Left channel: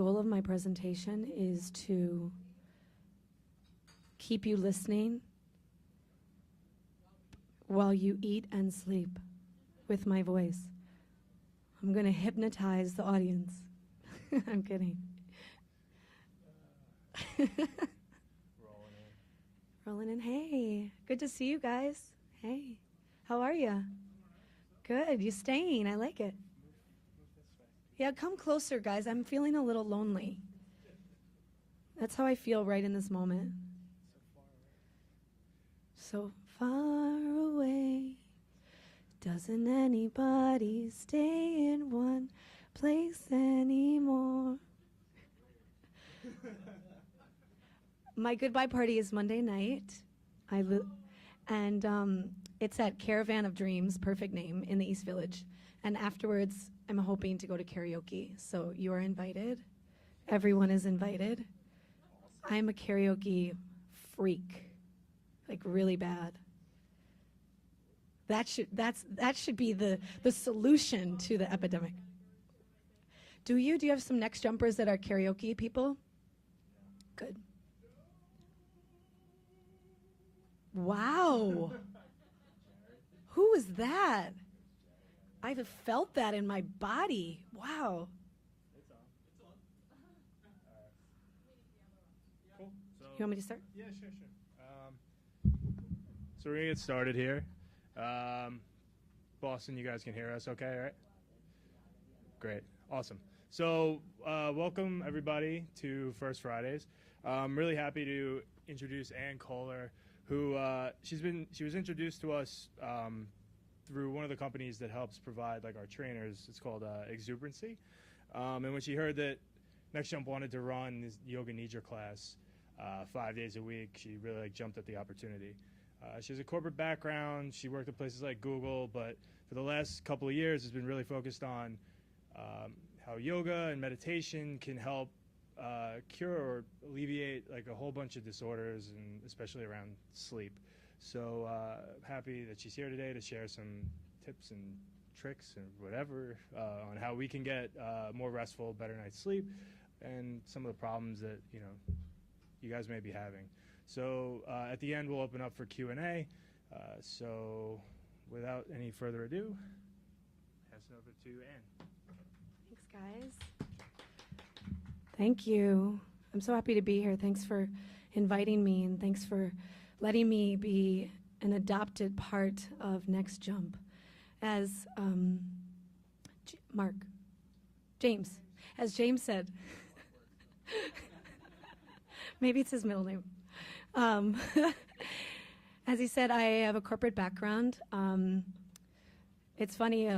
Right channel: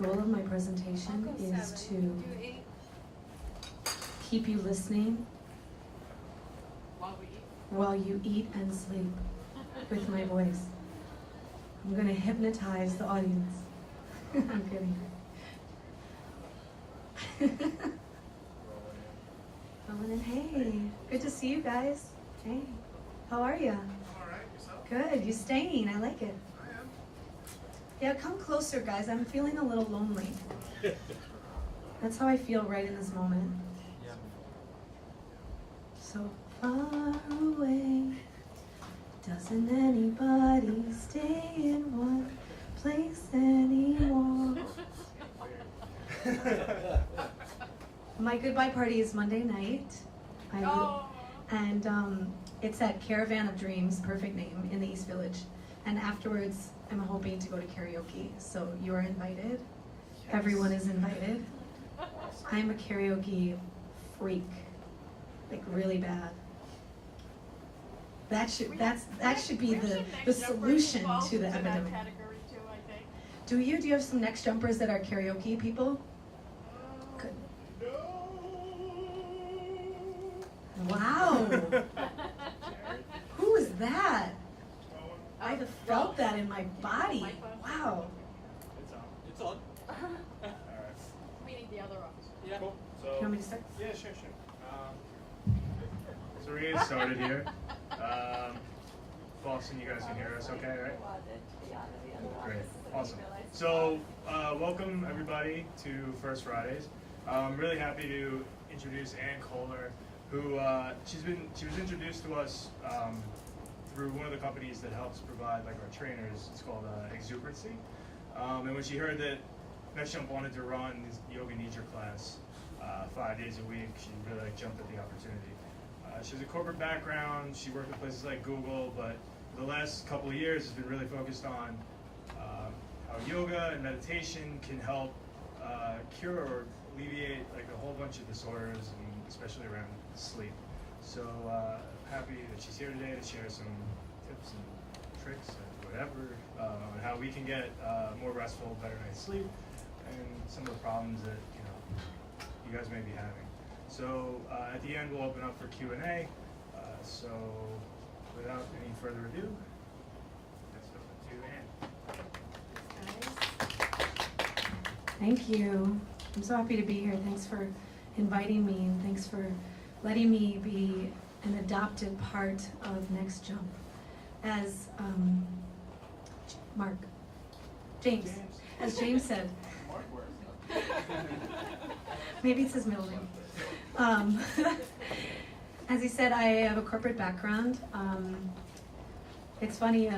goal of my presentation is to keep you listening while you eat and sleep with my voice. I'm going to hypnotize the audience. I'm kidding. Rolling in. Hey, good to see you guys. Hey, how are you? All right, yourself? Good. You staying? I like it. I am. Yeah, come closer, guys. I'm feeling a little lonely. That's how I feel right in this moment. So far away, doesn't anybody stay in one place anymore? My goodbye party is Monday night. And it's at Caravan of Dreams, perfect name, in the East Village. And afterwards, I'm hoping to go to karaoke. So you are invited. Yes. Everyone is invited. I'm a karaoke freak, like really bad. That should be the solution to the epidemic. Do you have some next jumpers that are karaoke people? Good. Wow. Who was that? I felt that in my body. Wow. It's on. We need the other office. Yeah. Cool. Do you want me to start? Yeah, sure. So we're getting started here. Boston, you guys can hear us okay, right? Great. Awesome. So, welcome everybody to First Fridays. I'm really happy to introduce Koller, who she was introduced to us through one of the companies that helps provide like our trainers. It's called Exuberancy. And when she heard that Next Jump wanted to run this Yoga Nidra class 5 days a week, she really jumped at the opportunity. She has a corporate background. She worked at places like Google, but for the last couple of years has been really focused on how yoga and meditation can help cure or alleviate like a whole bunch of disorders, and especially around sleep. So happy that she's here today to share some tips and tricks and whatever on how we can get more restful, better night's sleep, and some of the problems that you guys may be having. So at the end we'll open up for Q&A. So without any further ado, pass it over to Ann. Thank you. I'm so happy to be here. Thanks for inviting me, and thanks for letting me be an adopted part of Next Jump. As as James said, maybe it's his middle name. As he said, I have a corporate background. It's funny,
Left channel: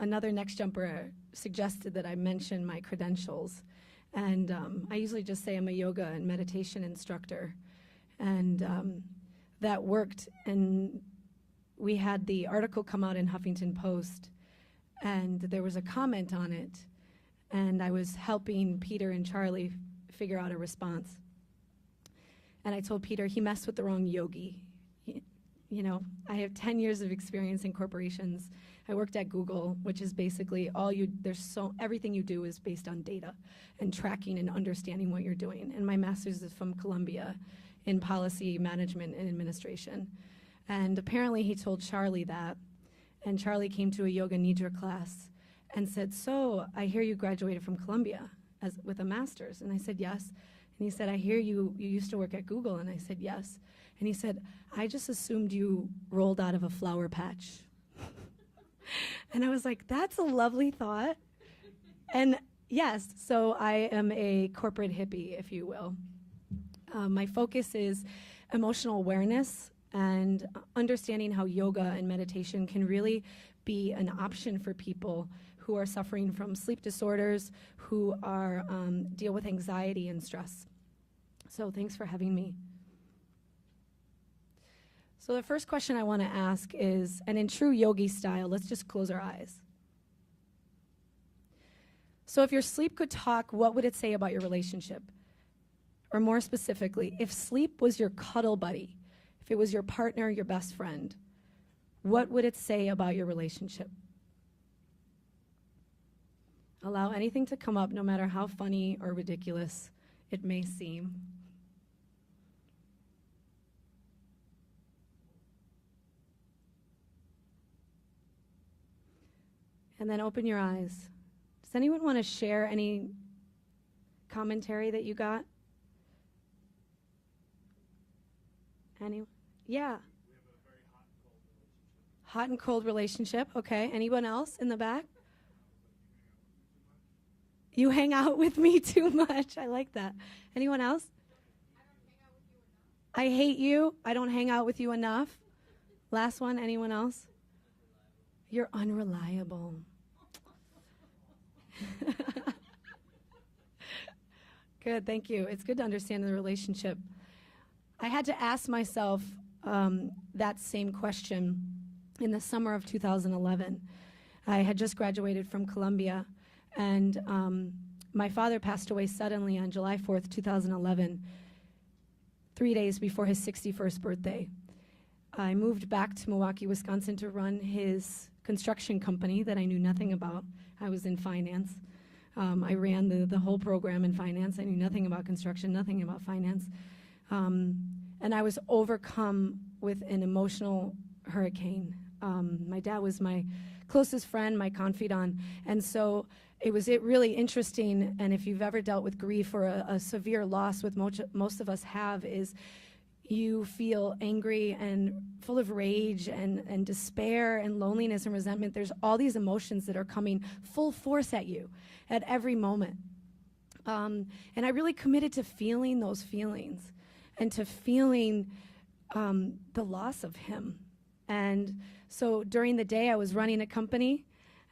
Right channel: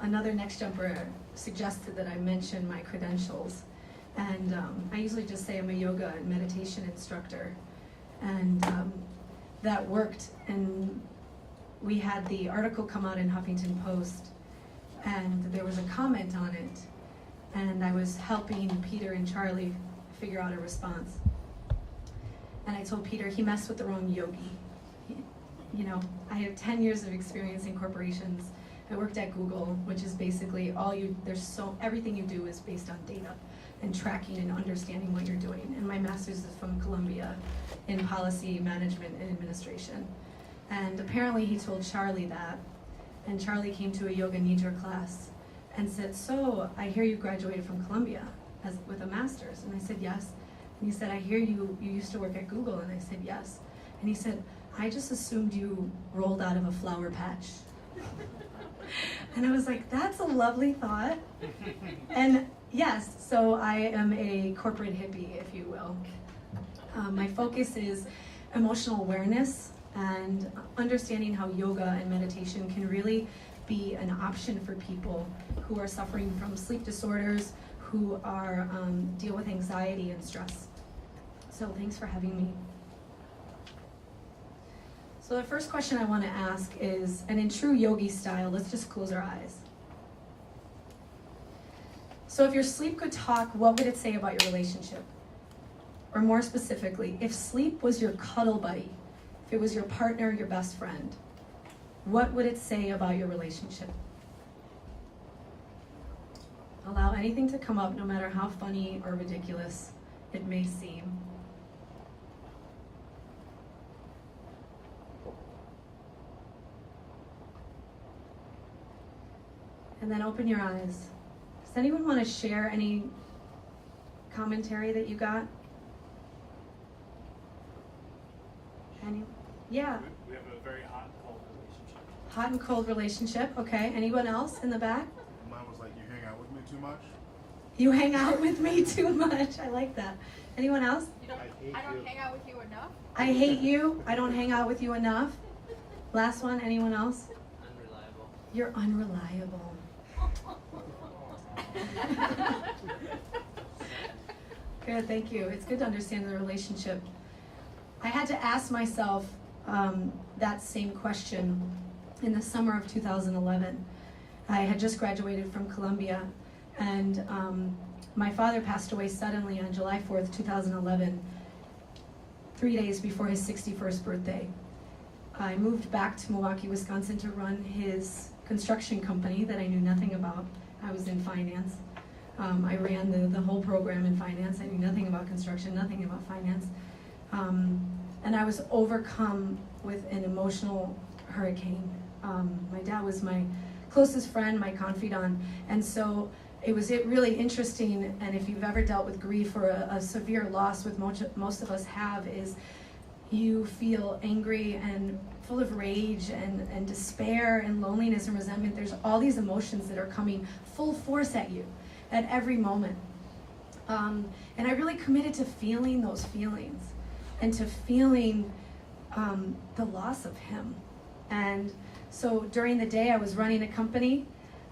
another Next Jumper suggested that I mention my credentials. And I usually just say I'm a yoga and meditation instructor. And that worked. And we had the article come out in Huffington Post, and there was a comment on it. And I was helping Peter and Charlie figure out a response. And I told Peter he messed with the wrong yogi. I have 10 years of experience in corporations. I worked at Google, which is basically everything you do is based on data and tracking and understanding what you're doing. And my master's is from Columbia in policy management and administration. And apparently he told Charlie that, and Charlie came to a Yoga Nidra class and said, "So, I hear you graduated from Columbia with a master's." And I said, "Yes." And he said, "I hear you used to work at Google." And I said, "Yes." And he said, "I just assumed you rolled out of a flower patch." And I was like, that's a lovely thought. And yes, so I am a corporate hippie, if you will. My focus is emotional awareness and understanding how yoga and meditation can really be an option for people who are suffering from sleep disorders, who are deal with anxiety and stress. So thanks for having me. So the first question I want to ask is, and in true yogi style, let's just close our eyes. So if your sleep could talk, what would it say about your relationship? Or more specifically, if sleep was your cuddle buddy, if it was your partner, your best friend, what would it say about your relationship? Allow anything to come up, no matter how funny or ridiculous it may seem. And then open your eyes. Does anyone want to share any commentary that you got? Any? Yeah. We have a very hot and cold relationship. Hot and cold relationship. Okay. Anyone else in the back? Mine was like, you hang out with me too much. You hang out with me too much. I like that. Anyone else? I don't hang out with you enough. I hate you. I don't hang out with you enough. Last one. Anyone else? Unreliable. You're unreliable. Good, thank you. It's good to understand the relationship. I had to ask myself that same question in the summer of 2011. I had just graduated from Columbia, and my father passed away suddenly on July 4th, 2011, 3 days before his 61st birthday. I moved back to Milwaukee, Wisconsin to run his construction company that I knew nothing about. I was in finance. I ran the whole program in finance. I knew nothing about construction, nothing about finance. And I was overcome with an emotional hurricane. My dad was my closest friend, my confidant, and so it was really interesting. And if you've ever dealt with grief or a severe loss, with most of us have, is you feel angry and full of rage and despair and loneliness and resentment. There's all these emotions that are coming full force at you at every moment. And I really committed to feeling those feelings and to feeling the loss of him. And so during the day I was running a company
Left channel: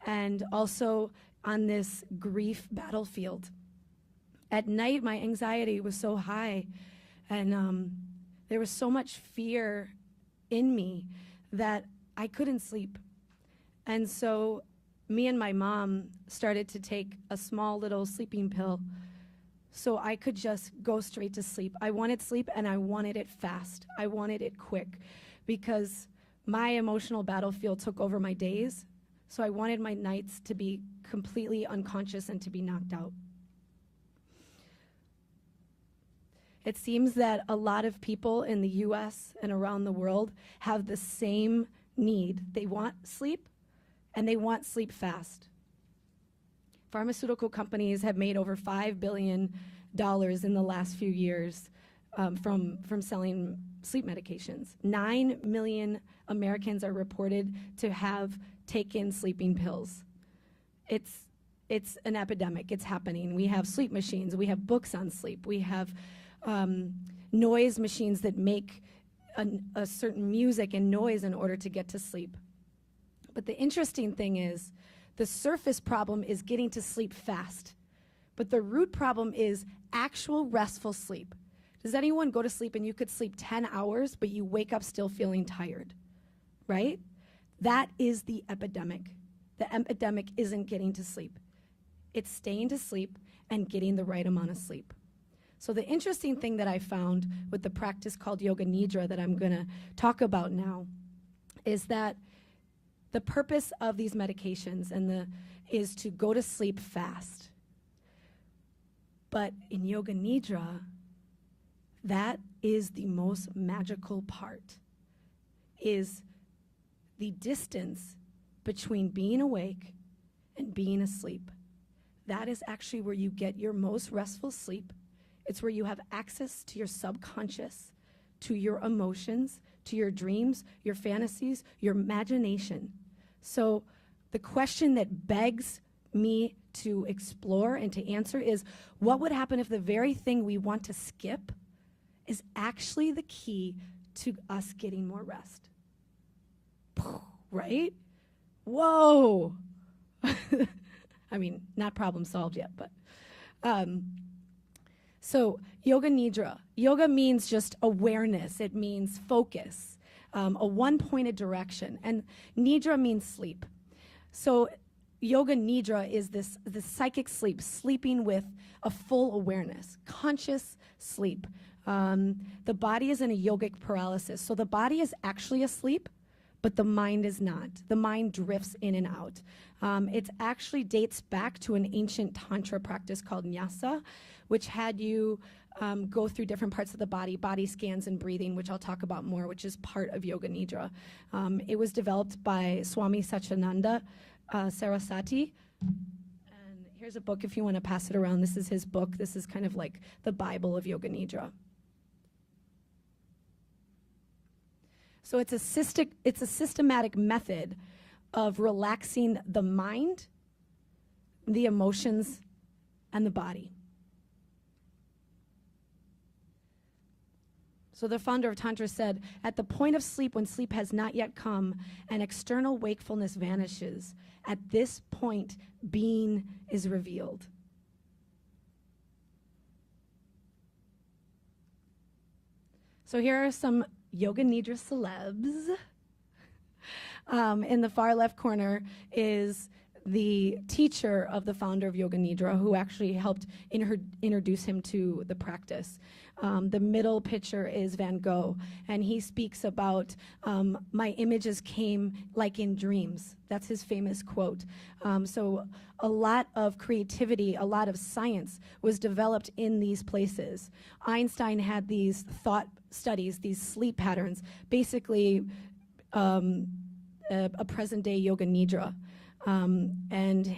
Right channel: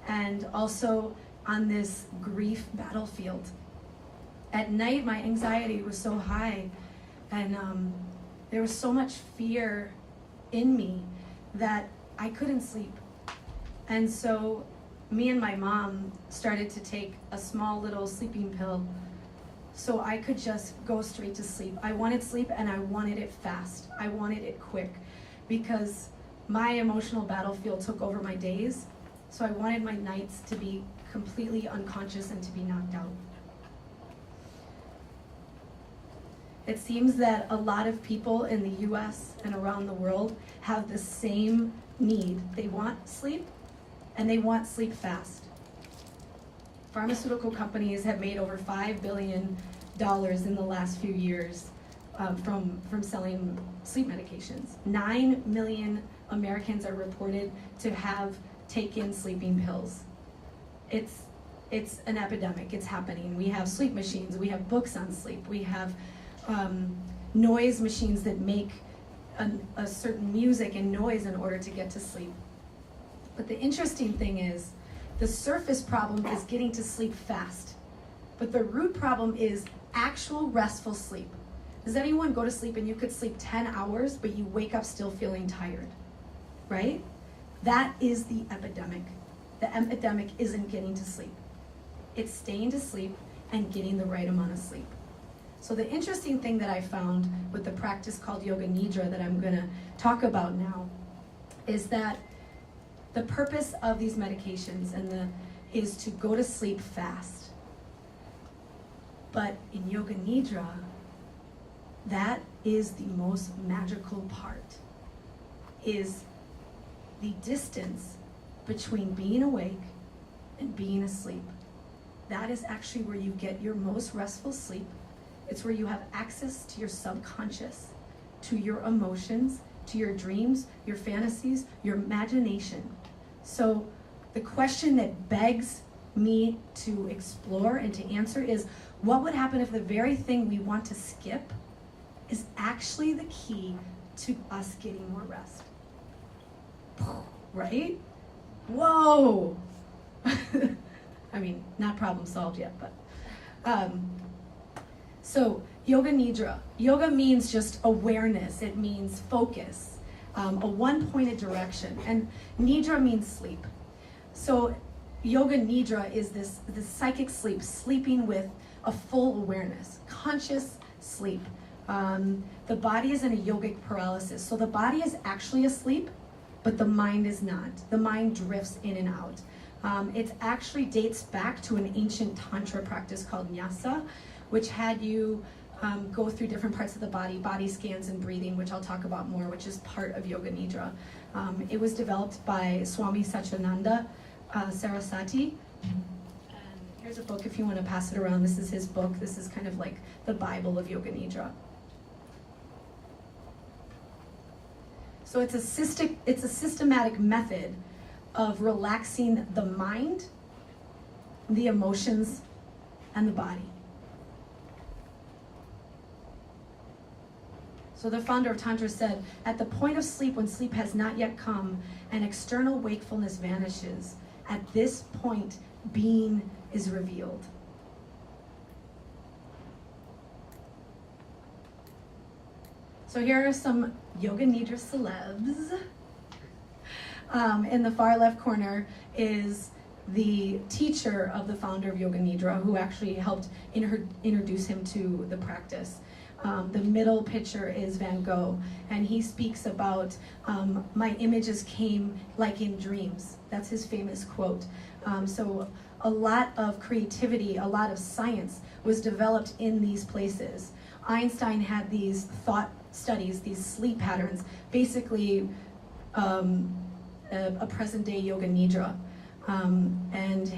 and also on this grief battlefield. At night my anxiety was so high and there was so much fear in me that I couldn't sleep. And so me and my mom started to take a small little sleeping pill so I could just go straight to sleep. I wanted sleep and I wanted it fast. I wanted it quick because my emotional battlefield took over my days. So I wanted my nights to be completely unconscious and to be knocked out. It seems that a lot of people in the US and around the world have the same need. They want sleep and they want sleep fast. Pharmaceutical companies have made over $5 billion in the last few years from selling sleep medications. 9 million Americans are reported to have taken sleeping pills. It's an epidemic. It's happening. We have sleep machines. We have books on sleep. We have noise machines that make a certain music and noise in order to get to sleep. But the interesting thing is, the surface problem is getting to sleep fast. But the root problem is actual restful sleep. Does anyone go to sleep and you could sleep 10 hours, but you wake up still feeling tired? Right? That is the epidemic. The epidemic isn't getting to sleep. It's staying to sleep and getting the right amount of sleep. So the interesting thing that I found with the practice called Yoga Nidra that I'm going to talk about now is that the purpose of these medications is to go to sleep fast. But in Yoga Nidra, that is the most magical part, is the distance between being awake and being asleep. That is actually where you get your most restful sleep. It's where you have access to your subconscious, to your emotions, to your dreams, your fantasies, your imagination. So the question that begs me to explore and to answer is, what would happen if the very thing we want to skip is actually the key to us getting more rest? Right? Whoa! I mean, not problem solved yet, but so Yoga Nidra. Yoga means just awareness. It means focus, a one-pointed direction, and Nidra means sleep. So Yoga Nidra is this psychic sleep, sleeping with a full awareness, conscious sleep. The body is in a yogic paralysis, so the body is actually asleep, but the mind is not. The mind drifts in and out. It actually dates back to an ancient tantra practice called nyasa, which had you go through different parts of the body scans and breathing, which I'll talk about more, which is part of Yoga Nidra. It was developed by Swami Satchidananda Saraswati. And here's a book if you want to pass it around. This is his book. This is kind of like the Bible of Yoga Nidra. So it's a systematic method of relaxing the mind, the emotions, and the body. So the founder of Tantra said, at the point of sleep, when sleep has not yet come and external wakefulness vanishes, at this point, being is revealed. So here are some Yoga Nidra celebs. In the far left corner is the teacher of the founder of Yoga Nidra, who actually helped introduce him to the practice. The middle picture is Van Gogh, and he speaks about, my images came like in dreams. That's his famous quote. So a lot of creativity, a lot of science was developed in these places. Einstein had these thought studies, these sleep patterns, basically a present-day Yoga Nidra. And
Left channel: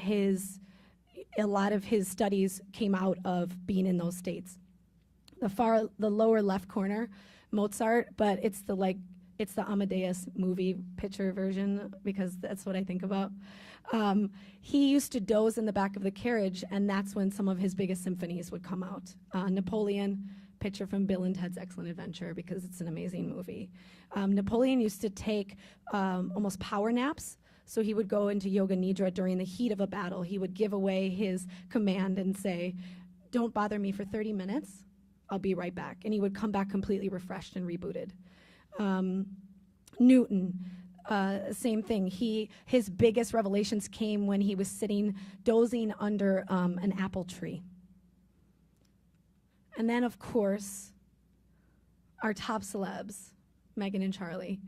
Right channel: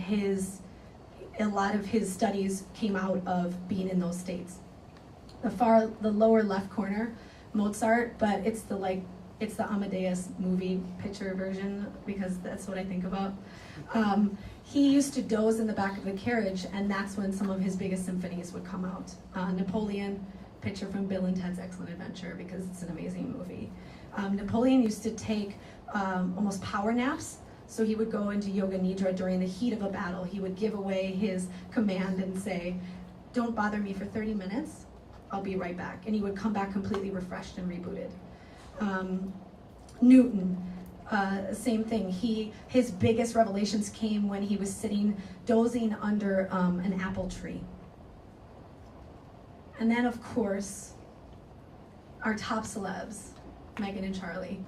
a lot of his studies came out of being in those states. The lower left corner, Mozart, but it's the Amadeus movie picture version, because that's what I think about. He used to doze in the back of the carriage, and that's when some of his biggest symphonies would come out. Napoleon, picture from Bill and Ted's Excellent Adventure, because it's an amazing movie. Napoleon used to take almost power naps, so he would go into Yoga Nidra during the heat of a battle. He would give away his command and say, don't bother me for 30 minutes, I'll be right back. And he would come back completely refreshed and rebooted. Newton, same thing. His biggest revelations came when he was sitting, dozing under an apple tree. And then, of course, our top celebs, Megan and Charlie.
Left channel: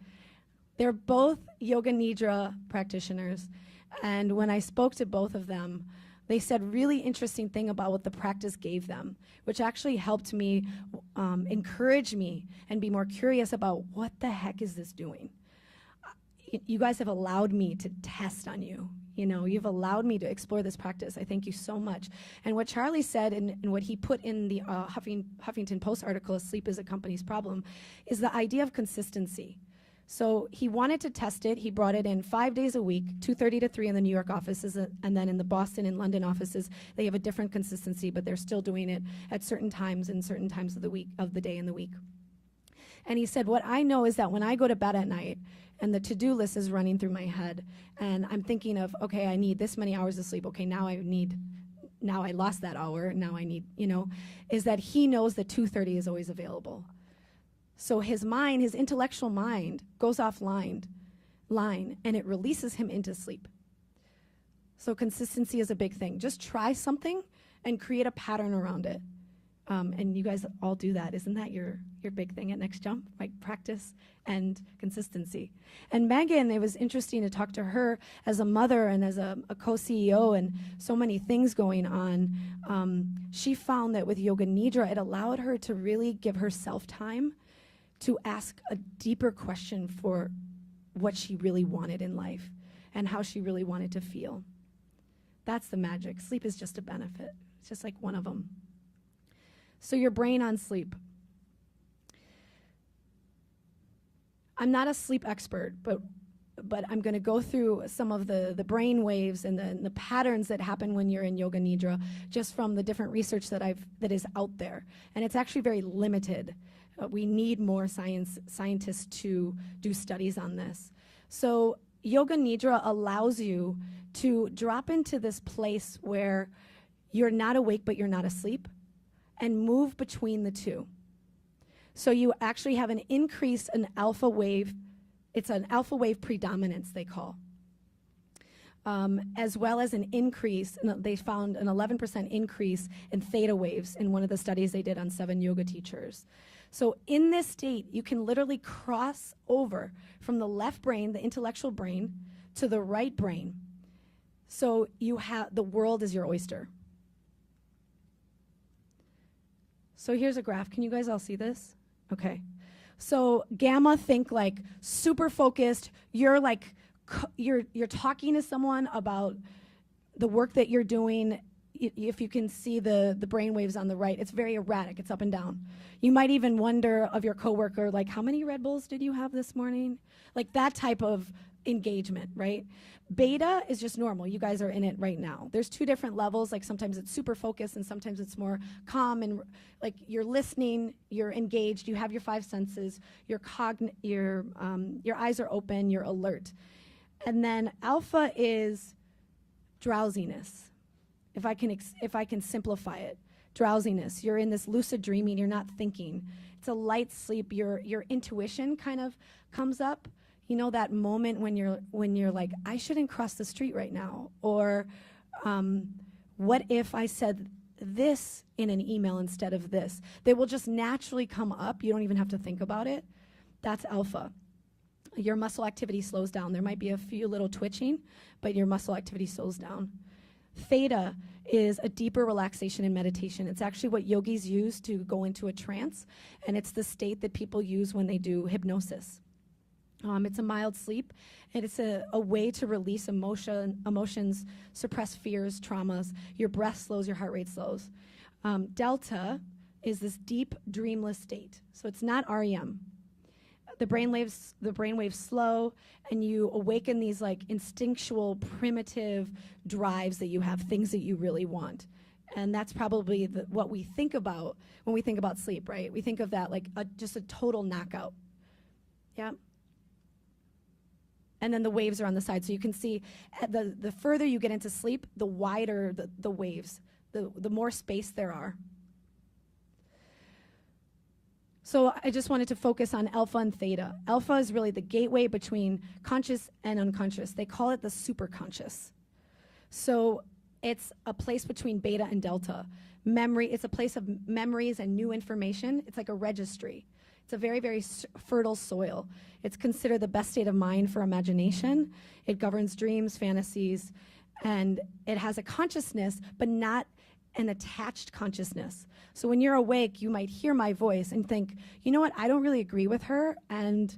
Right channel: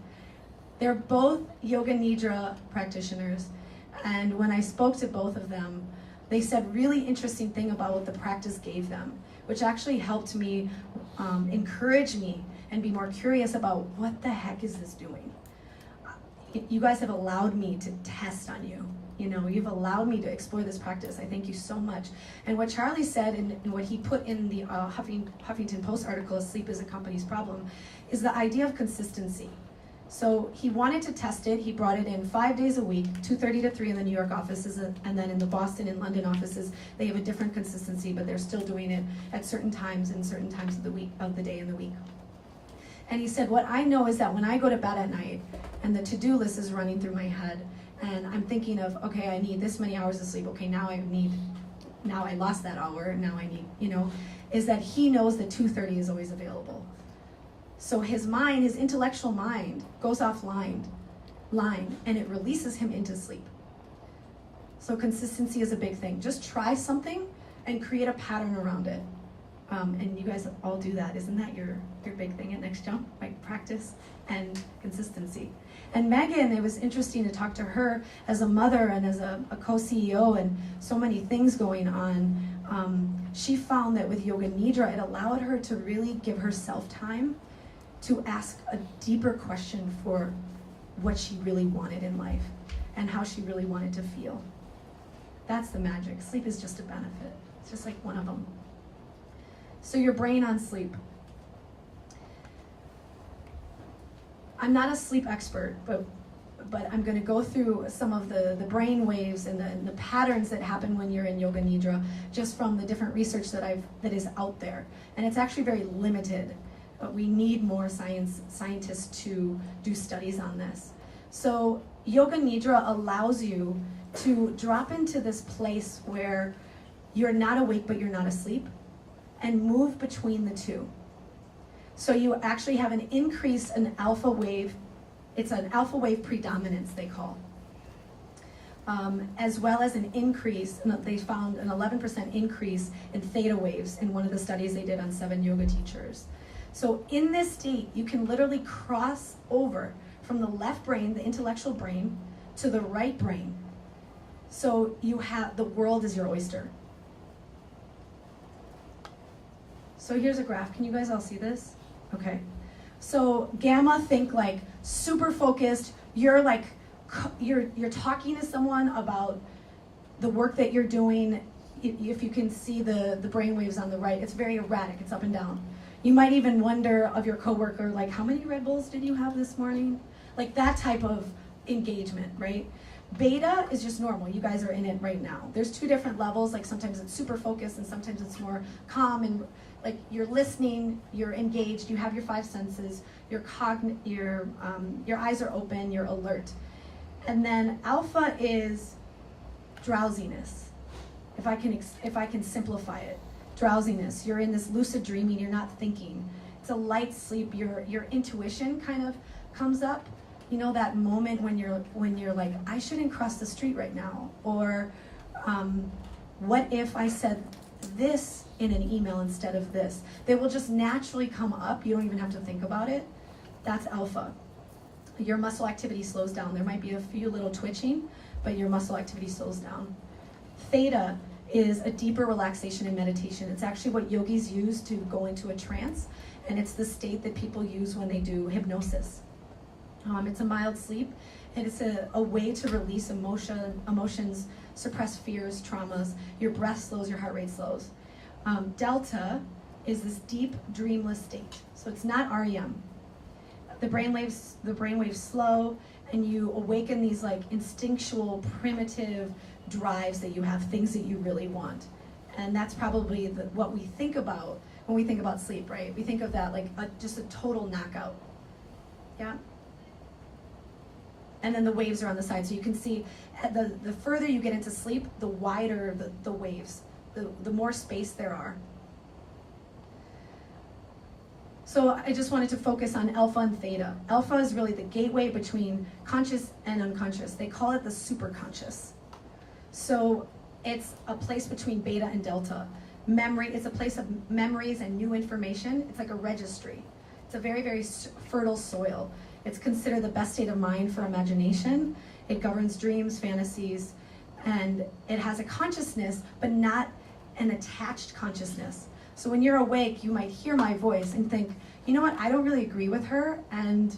They're both Yoga Nidra practitioners, and when I spoke to both of them, they said really interesting thing about what the practice gave them, which actually helped me encourage me and be more curious about what the heck is this doing. You guys have allowed me to test on you. You've allowed me to explore this practice. I thank you so much. And what Charlie said and what he put in the Huffington Post article, Sleep is a Company's Problem, is the idea of consistency. So he wanted to test it. He brought it in 5 days a week, 2:30 to 3 in the New York offices, and then in the Boston and London offices, they have a different consistency, but they're still doing it at certain times and certain times of the day and the week. And he said, what I know is that when I go to bed at night and the to-do list is running through my head, and I'm thinking of, okay, I need this many hours of sleep. Okay, now I lost that hour. Now I need, is that he knows that 2:30 is always available. So his mind, his intellectual mind, goes offline, and it releases him into sleep. So consistency is a big thing. Just try something and create a pattern around it. And you guys all do that. Isn't that your big thing at Next Jump? Like practice and consistency. And Megan, it was interesting to talk to her as a mother and as a co-CEO and so many things going on. She found that with Yoga Nidra, it allowed her to really give herself time to ask a deeper question for what she really wanted in life and how she really wanted to feel. That's the magic. Sleep is just a benefit. It's just like one of them. So your brain on sleep. I'm not a sleep expert, but I'm going to go through some of the brain waves and the patterns that happen when you're in Yoga Nidra, just from the different research that is out there. And it's actually very limited. We need more scientists to do studies on this. So Yoga Nidra allows you to drop into this place where you're not awake but you're not asleep, and move between the two. So you actually have an increase in alpha wave. It's an alpha wave predominance, they call. As well as an increase, and they found an 11% increase in theta waves in one of the studies they did on 7 yoga teachers. So in this state, you can literally cross over from the left brain, the intellectual brain, to the right brain. So you have, the world is your oyster. So here's a graph. Can you guys all see this? Okay. So gamma, think like super focused. You're like, you're talking to someone about the work that you're doing. If you can see the brain waves on the right, it's very erratic. It's up and down. You might even wonder of your coworker, like, how many Red Bulls did you have this morning? Like that type of engagement, right? Beta is just normal. You guys are in it right now. There's two different levels. Like sometimes it's super focused and sometimes it's more calm and like you're listening, you're engaged, you have your five senses, your eyes are open, you're alert. And then alpha is drowsiness. If I can simplify it, drowsiness. You're in this lucid dreaming. You're not thinking. It's a light sleep. Your intuition kind of comes up. You know that moment when you're like, I shouldn't cross the street right now, or what if I said this in an email instead of this? They will just naturally come up. You don't even have to think about it. That's alpha. Your muscle activity slows down. There might be a few little twitching, but your muscle activity slows down. Theta is a deeper relaxation and meditation. It's actually what yogis use to go into a trance, and it's the state that people use when they do hypnosis. It's a mild sleep, and it's a way to release emotions, suppress fears, traumas. Your breath slows, your heart rate slows. Delta is this deep, dreamless state. So it's not REM. The brainwaves slow, and you awaken these like instinctual, primitive drives that you have, things that you really want. And that's probably what we think about when we think about sleep, right? We think of that like just a total knockout. Yeah? And then the waves are on the side. So you can see the further you get into sleep, the wider the waves, the more space there are. So I just wanted to focus on alpha and theta. Alpha is really the gateway between conscious and unconscious. They call it the superconscious. So it's a place between beta and delta. Memory, it's a place of memories and new information. It's like a registry. It's a very, very fertile soil. It's considered the best state of mind for imagination. It governs dreams, fantasies, and it has a consciousness, but not an attached consciousness. So when you're awake, you might hear my voice and think, you know what, I don't really agree with her, and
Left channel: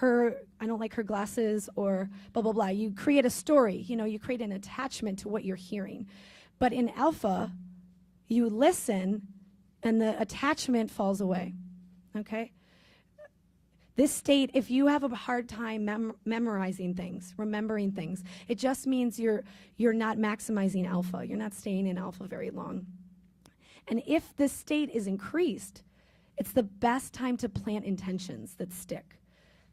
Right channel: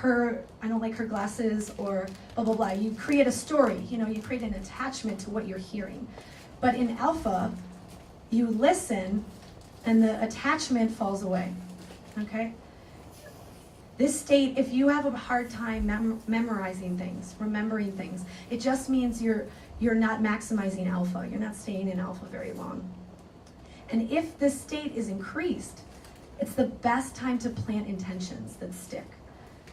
I don't like her glasses, or blah, blah, blah. You create a story, you create an attachment to what you're hearing. But in alpha, you listen, and the attachment falls away, okay? This state, if you have a hard time memorizing things, remembering things, it just means you're not maximizing alpha. You're not staying in alpha very long. And if this state is increased, it's the best time to plant intentions that stick.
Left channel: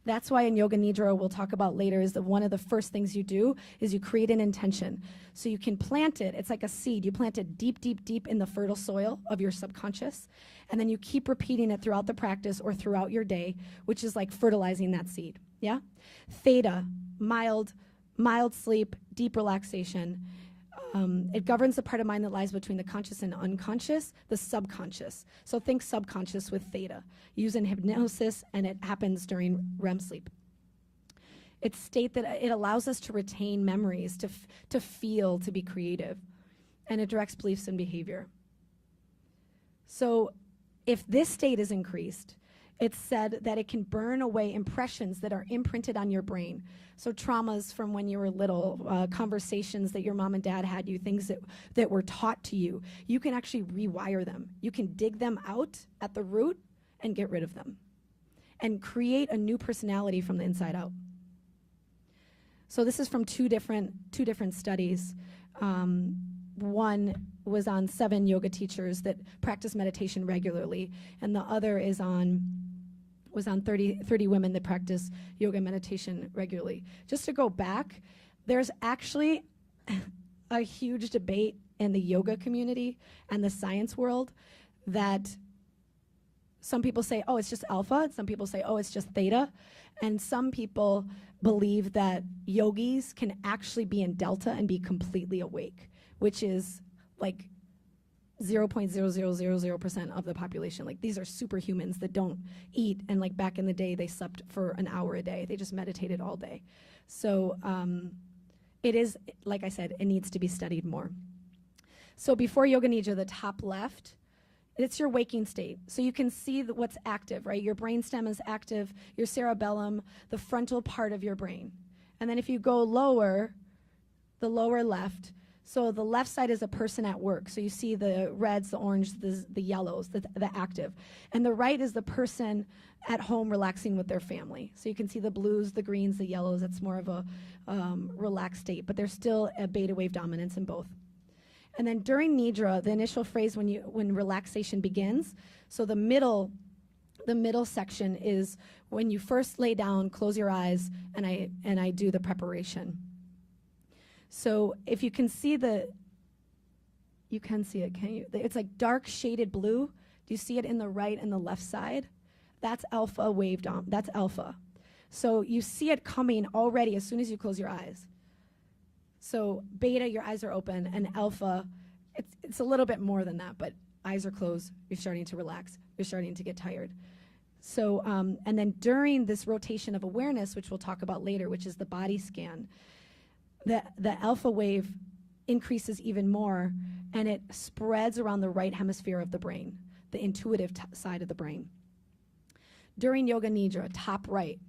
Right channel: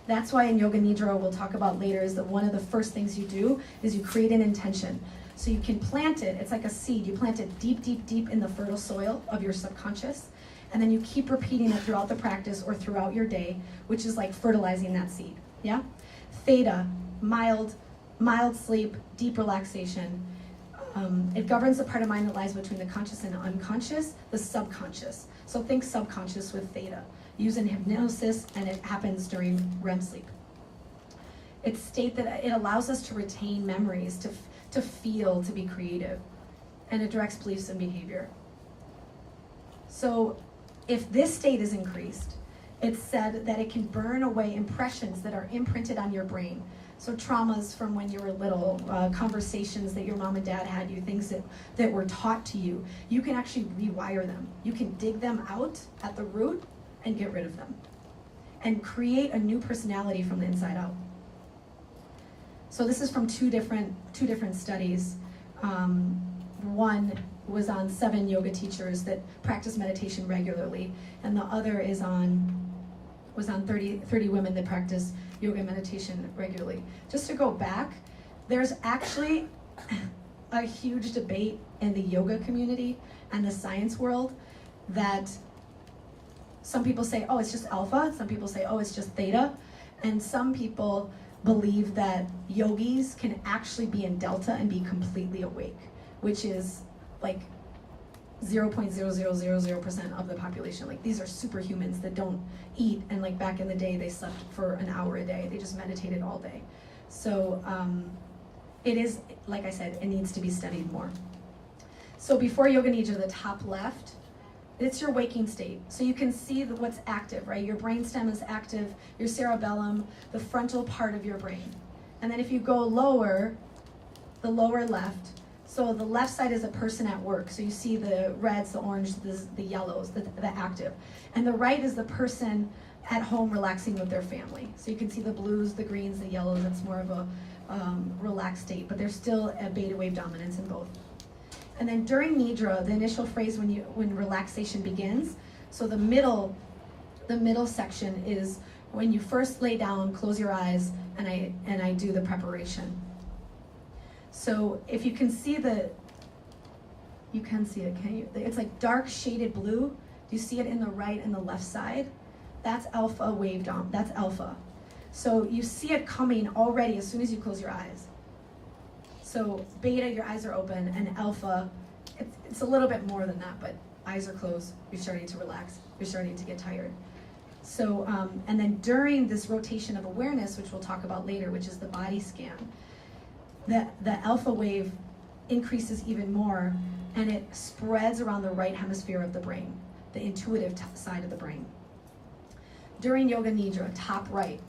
That's why in Yoga Nidra, we'll talk about later, is that one of the first things you do is you create an intention. So you can plant it. It's like a seed. You plant it deep, deep, deep in the fertile soil of your subconscious. And then you keep repeating it throughout the practice or throughout your day, which is like fertilizing that seed. Yeah? Theta, mild sleep, deep relaxation. It governs the part of mind that lies between the conscious and unconscious, the subconscious. So think subconscious with theta. Use in hypnosis, and it happens during REM sleep. It's state that it allows us to retain memories, to feel, to be creative, and it directs beliefs and behavior. So if this state is increased, it's said that it can burn away impressions that are imprinted on your brain. So traumas from when you were little, conversations that your mom and dad had you, things that were taught to you, you can actually rewire them. You can dig them out at the root and get rid of them and create a new personality from the inside out. So this is from two different studies. One was on 7 yoga teachers that practice meditation regularly, and the other was on 30 women that practice yoga and meditation regularly. Just to go back, there's actually a huge debate in the yoga community and the science world that some people say, oh, it's just alpha. Some people say, oh, it's just theta. And some people believe that yogis can actually be in delta and be completely awake, which is like 0.0000% of the population. Like, these are superhumans that don't eat, and like back in the day they slept for an hour a day. They just meditated all day. So it is, like I said, it needs to be studied more. So before Yoga Nidra, the top left, it's your waking state. So you can see what's active, right? Your brainstem is active, your cerebellum, the frontal part of your brain. And then if you go lower, the lower left, so the left side is a person at work. So you see the reds, the orange, the yellows, the active. And the right is the person at home relaxing with their family. So you can see the blues, the greens, the yellows. It's more of a relaxed state, but there's still a beta wave dominance in both. And then during Nidra, the initial phase when relaxation begins, so the middle section is when you first lay down, close your eyes, and I do the preparation. So if you can see you can see it, can you? It's like dark shaded blue. Do you see it in the right and the left side? That's alpha wave dom. That's alpha. So you see it coming already as soon as you close your eyes. So beta, your eyes are open, and alpha, it's a little bit more than that, but eyes are closed, you're starting to relax, you're starting to get tired. So, and then during this rotation of awareness, which we'll talk about later, which is the body scan, the alpha wave increases even more, and it spreads around the right hemisphere of the brain, the intuitive side of the brain. During Yoga Nidra, top right,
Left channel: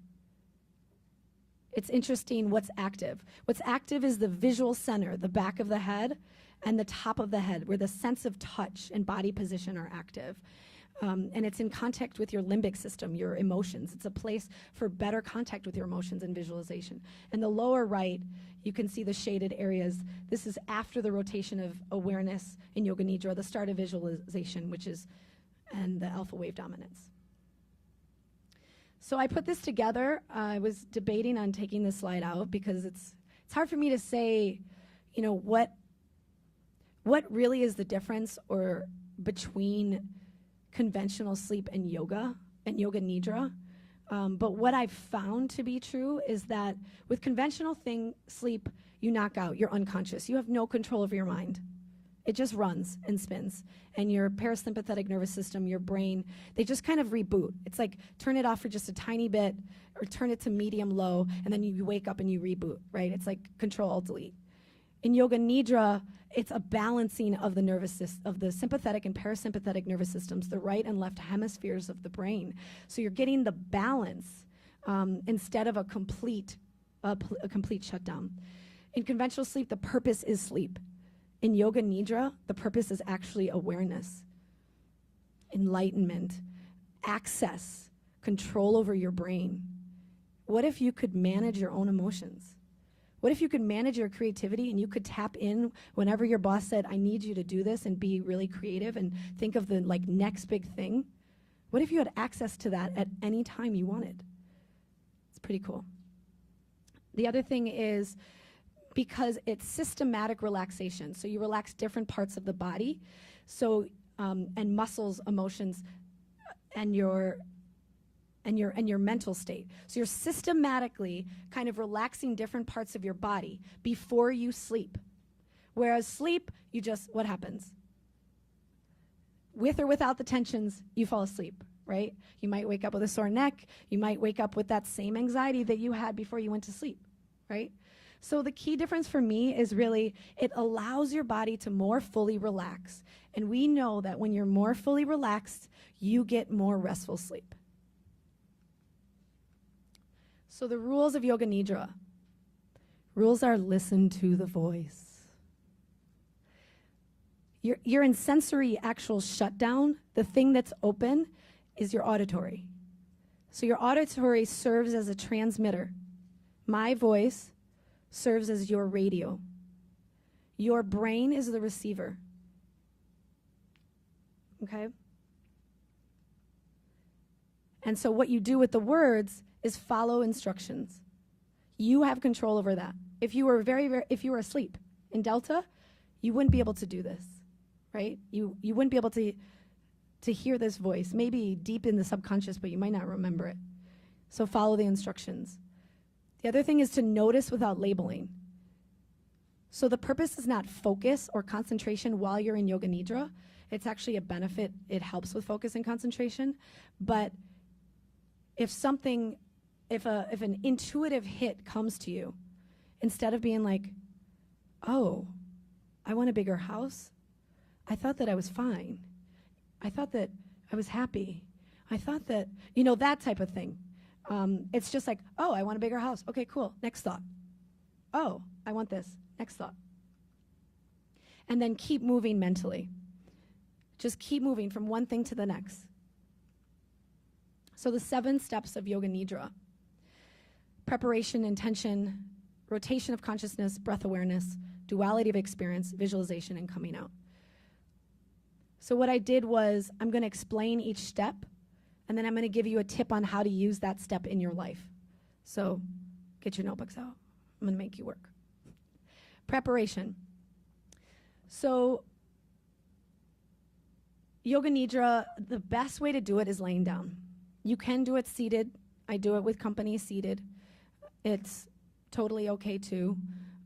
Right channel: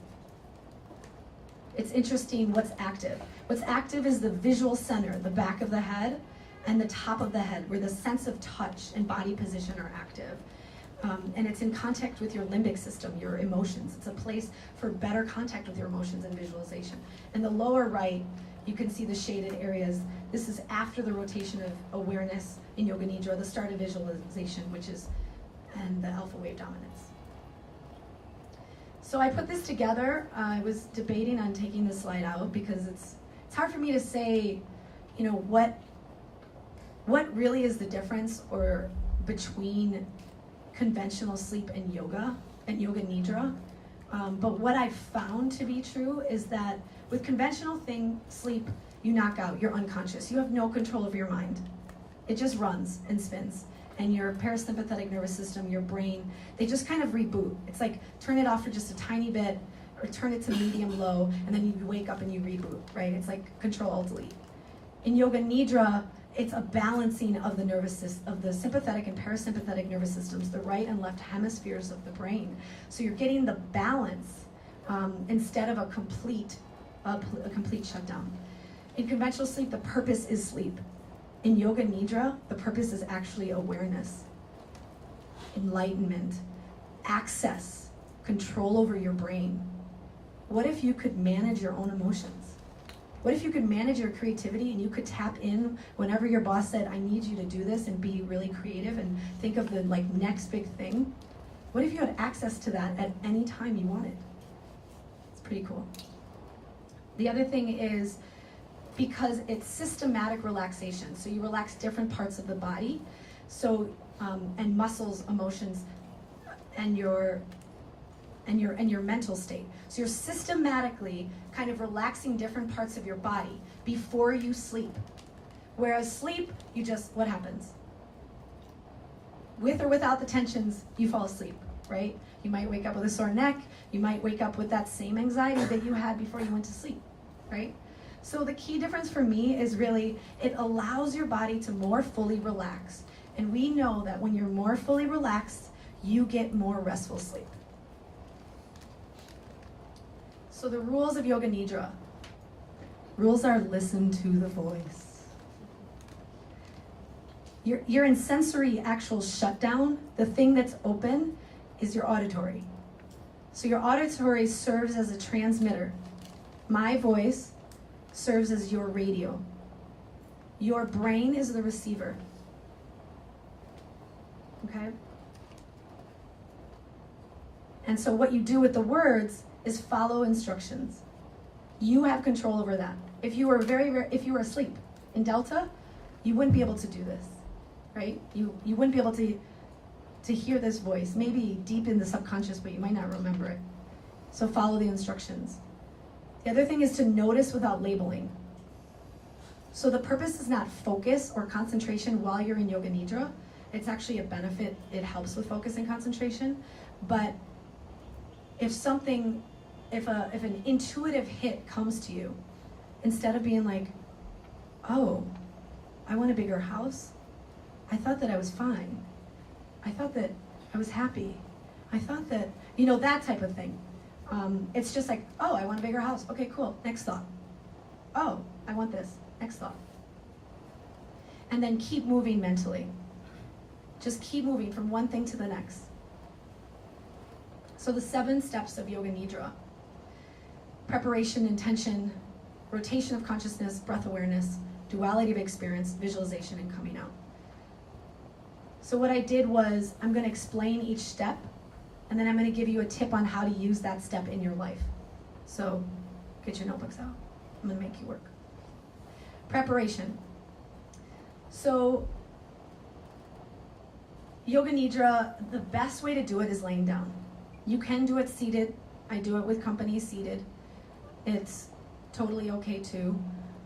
it's interesting what's active. What's active is the visual center, the back of the head, and the top of the head, where the sense of touch and body position are active. And it's in contact with your limbic system, your emotions. It's a place for better contact with your emotions and visualization. And the lower right, you can see the shaded areas. This is after the rotation of awareness in Yoga Nidra, the start of visualization, and the alpha wave dominance. So I put this together. I was debating on taking this slide out because it's hard for me to say, what really is the difference or between conventional sleep and Yoga Nidra. But what I've found to be true is that with conventional sleep, you knock out, you're unconscious. You have no control over your mind. It just runs and spins. And your parasympathetic nervous system, your brain, they just kind of reboot. It's like turn it off for just a tiny bit or turn it to medium low, and then you wake up and you reboot, right? It's like Control-Alt-Delete. In Yoga Nidra, it's a balancing of the nervous system, of the sympathetic and parasympathetic nervous systems, the right and left hemispheres of the brain. So you're getting the balance instead of a complete shutdown. In conventional sleep, the purpose is sleep. In Yoga Nidra, the purpose is actually awareness, enlightenment, access, control over your brain. What if you could manage your own emotions? What if you could manage your creativity and you could tap in whenever your boss said, I need you to do this, and be really creative and think of the next big thing? What if you had access to that at any time you wanted? It's pretty cool. The other thing is, because it's systematic relaxation, so you relax different parts of the body, so and muscles, emotions, and your mental state. So you're systematically kind of relaxing different parts of your body before you sleep. Whereas sleep, what happens? With or without the tensions, you fall asleep, right? You might wake up with a sore neck. You might wake up with that same anxiety that you had before you went to sleep, right? So the key difference for me is really, it allows your body to more fully relax. And we know that when you're more fully relaxed, you get more restful sleep. So the rules of Yoga Nidra. Rules are listen to the voice. You're in sensory actual shutdown. The thing that's open is your auditory. So your auditory serves as a transmitter. My voice serves as your radio. Your brain is the receiver. Okay? And so what you do with the words is follow instructions. You have control over that. If you were if you were asleep in Delta, you wouldn't be able to do this, right? You wouldn't be able to hear this voice, maybe deep in the subconscious, but you might not remember it. So follow the instructions. The other thing is to notice without labeling. So the purpose is not focus or concentration while you're in Yoga Nidra. It's actually a benefit. It helps with focus and concentration. But if an intuitive hit comes to you, instead of being like, oh, I want a bigger house. I thought that I was fine. I thought that I was happy. I thought that, that type of thing. It's just like, oh, I want a bigger house. Okay, cool. Next thought. Oh, I want this. Next thought. And then keep moving mentally. Just keep moving from one thing to the next. So the 7 steps of Yoga Nidra: preparation, intention, rotation of consciousness, breath awareness, duality of experience, visualization, and coming out. So what I did was, I'm going to explain each step, and then I'm going to give you a tip on how to use that step in your life. So get your notebooks out. I'm going to make you work. Preparation. So Yoga Nidra, the best way to do it is laying down. You can do it seated. I do it with company seated. It's totally okay too.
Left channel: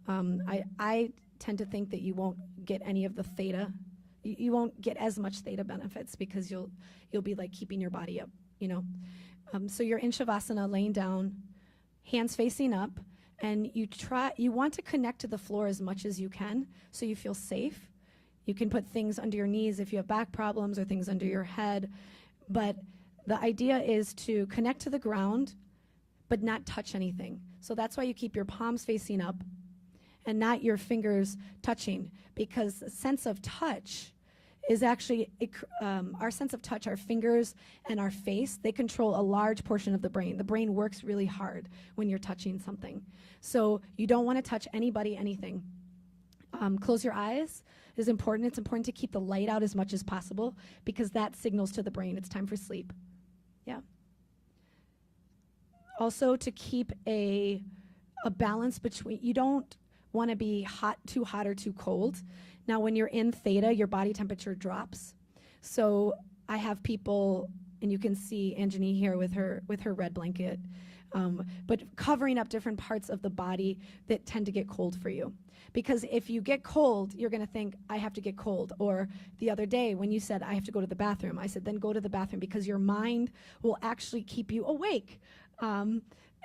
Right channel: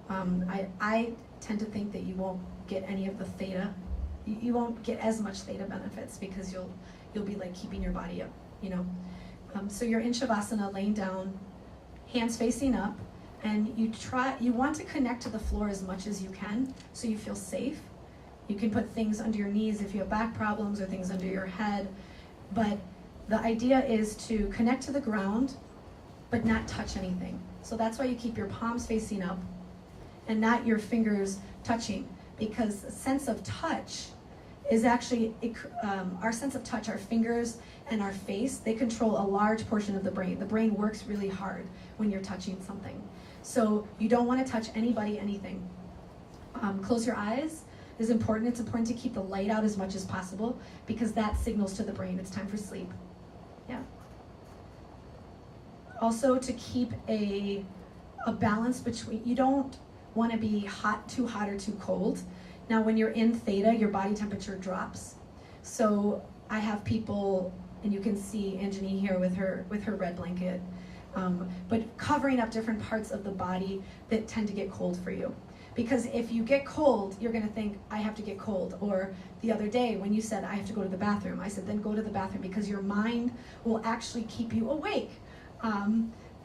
I tend to think that you won't get any of the theta. You won't get as much theta benefits because you'll be like keeping your body up, So you're in Shavasana, laying down, hands facing up, and you want to connect to the floor as much as you can so you feel safe. You can put things under your knees if you have back problems or things under your head, but the idea is to connect to the ground but not touch anything. So that's why you keep your palms facing up and not your fingers touching, because the sense of touch is actually, our sense of touch, our fingers and our face, they control a large portion of the brain. The brain works really hard when you're touching something. So you don't want to touch anybody, anything. Close your eyes is important. It's important to keep the light out as much as possible because that signals to the brain it's time for sleep. Yeah. Also to keep a balance between, you don't want to be too hot or too cold. Now when you're in theta, your body temperature drops. So I have people, and you can see Anjani here with her red blanket, but covering up different parts of the body that tend to get cold for you. Because if you get cold, you're going to think, I have to get cold. Or the other day when you said, I have to go to the bathroom, I said, then go to the bathroom, because your mind will actually keep you awake.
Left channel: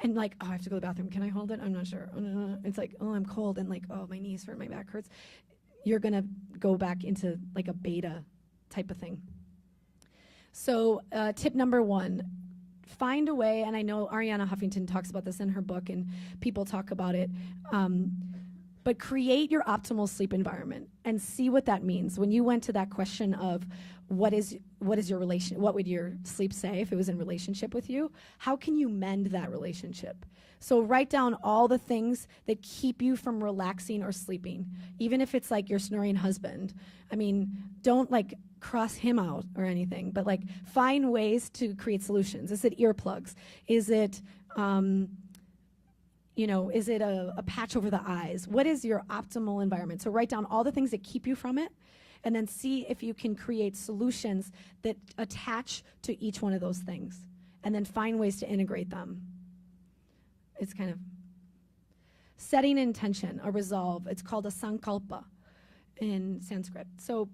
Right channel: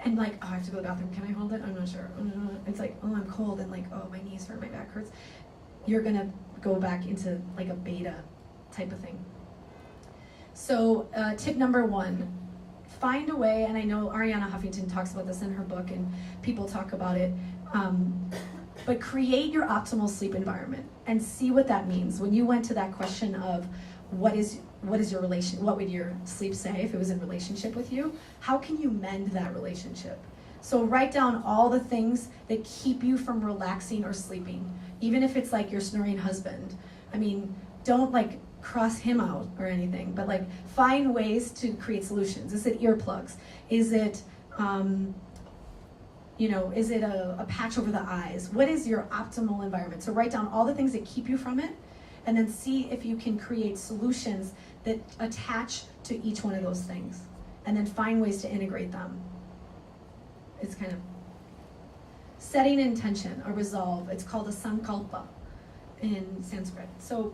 And like, oh, I have to go to the bathroom. Can I hold it? I'm not sure. It's like, oh, I'm cold. And like, oh, my knees hurt, my back hurts. You're going to go back into like a beta type of thing. So tip number 1, find a way, and I know Arianna Huffington talks about this in her book, and people talk about it, but create your optimal sleep environment and see what that means. When you went to that question of what is your relation, what would your sleep say if it was in relationship with you? How can you mend that relationship? So write down all the things that keep you from relaxing or sleeping, even if it's like your snoring husband. I mean, don't like cross him out or anything, but like find ways to create solutions. Is it earplugs? Is it is it a patch over the eyes? What is your optimal environment? So write down all the things that keep you from it, and then see if you can create solutions that attach to each one of those things, and then find ways to integrate them. It's kind of setting an intention, a resolve. It's called a sankalpa in Sanskrit. So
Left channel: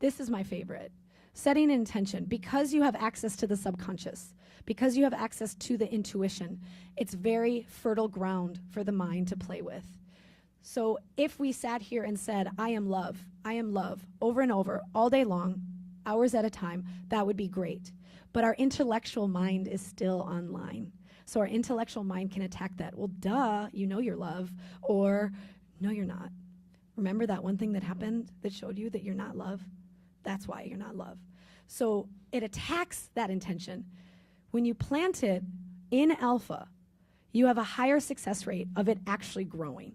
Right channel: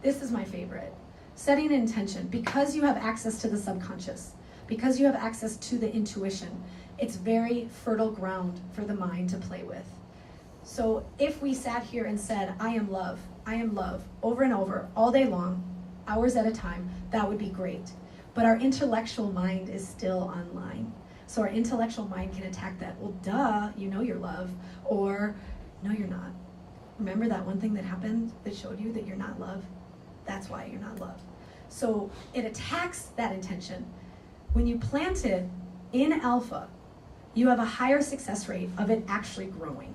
this is my favorite. Setting an intention, because you have access to the subconscious, because you have access to the intuition, it's very fertile ground for the mind to play with. So if we sat here and said, I am love, over and over, all day long, hours at a time, that would be great. But our intellectual mind is still online. So our intellectual mind can attack that. Well, duh, you know you're love, or no, you're not. Remember that one thing that happened that showed you that you're not love? That's why you're not love. So it attacks that intention. When you plant it in alpha, you have a higher success rate of it actually growing.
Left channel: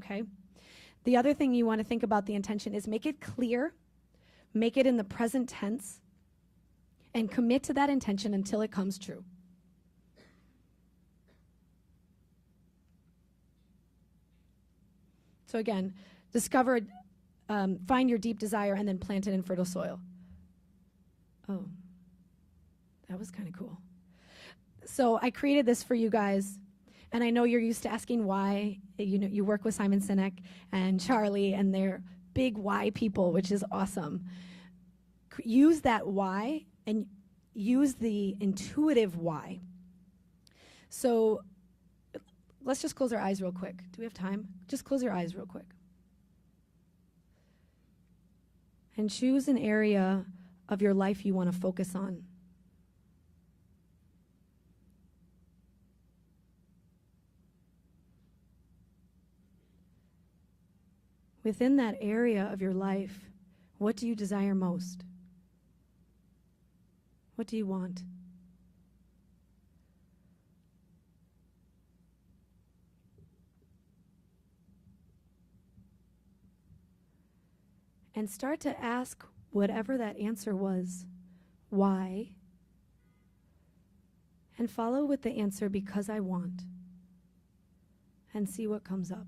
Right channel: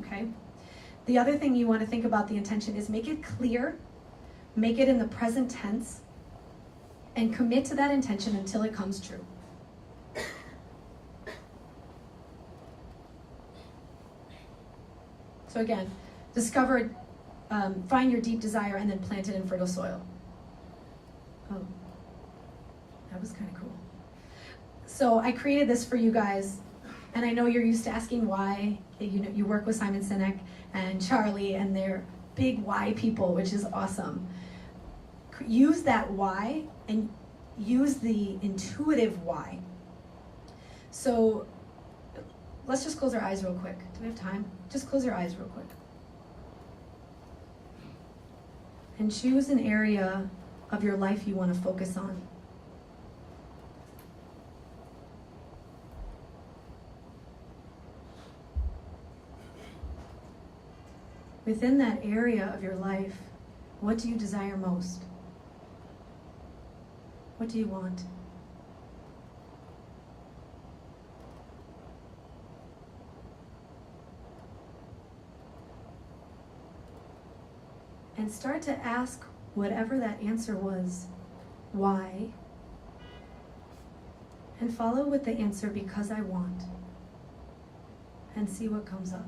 Okay? The other thing you want to think about the intention is make it clear, make it in the present tense, and commit to that intention until it comes true. So again, discover, find your deep desire, and then plant it in fertile soil. Oh, that was kind of cool. So I created this for you guys, and I know you're used to asking why. You work with Simon Sinek and Charlie, and they're big why people, which is awesome. Use that why and use the intuitive why. So let's just close our eyes real quick. Do we have time? Just close your eyes real quick. And choose an area of your life you want to focus on. Within that area of your life, what do you desire most? What do you want? And start to ask whatever that answer was, why? And follow with the answer, because I want. And see what comes up.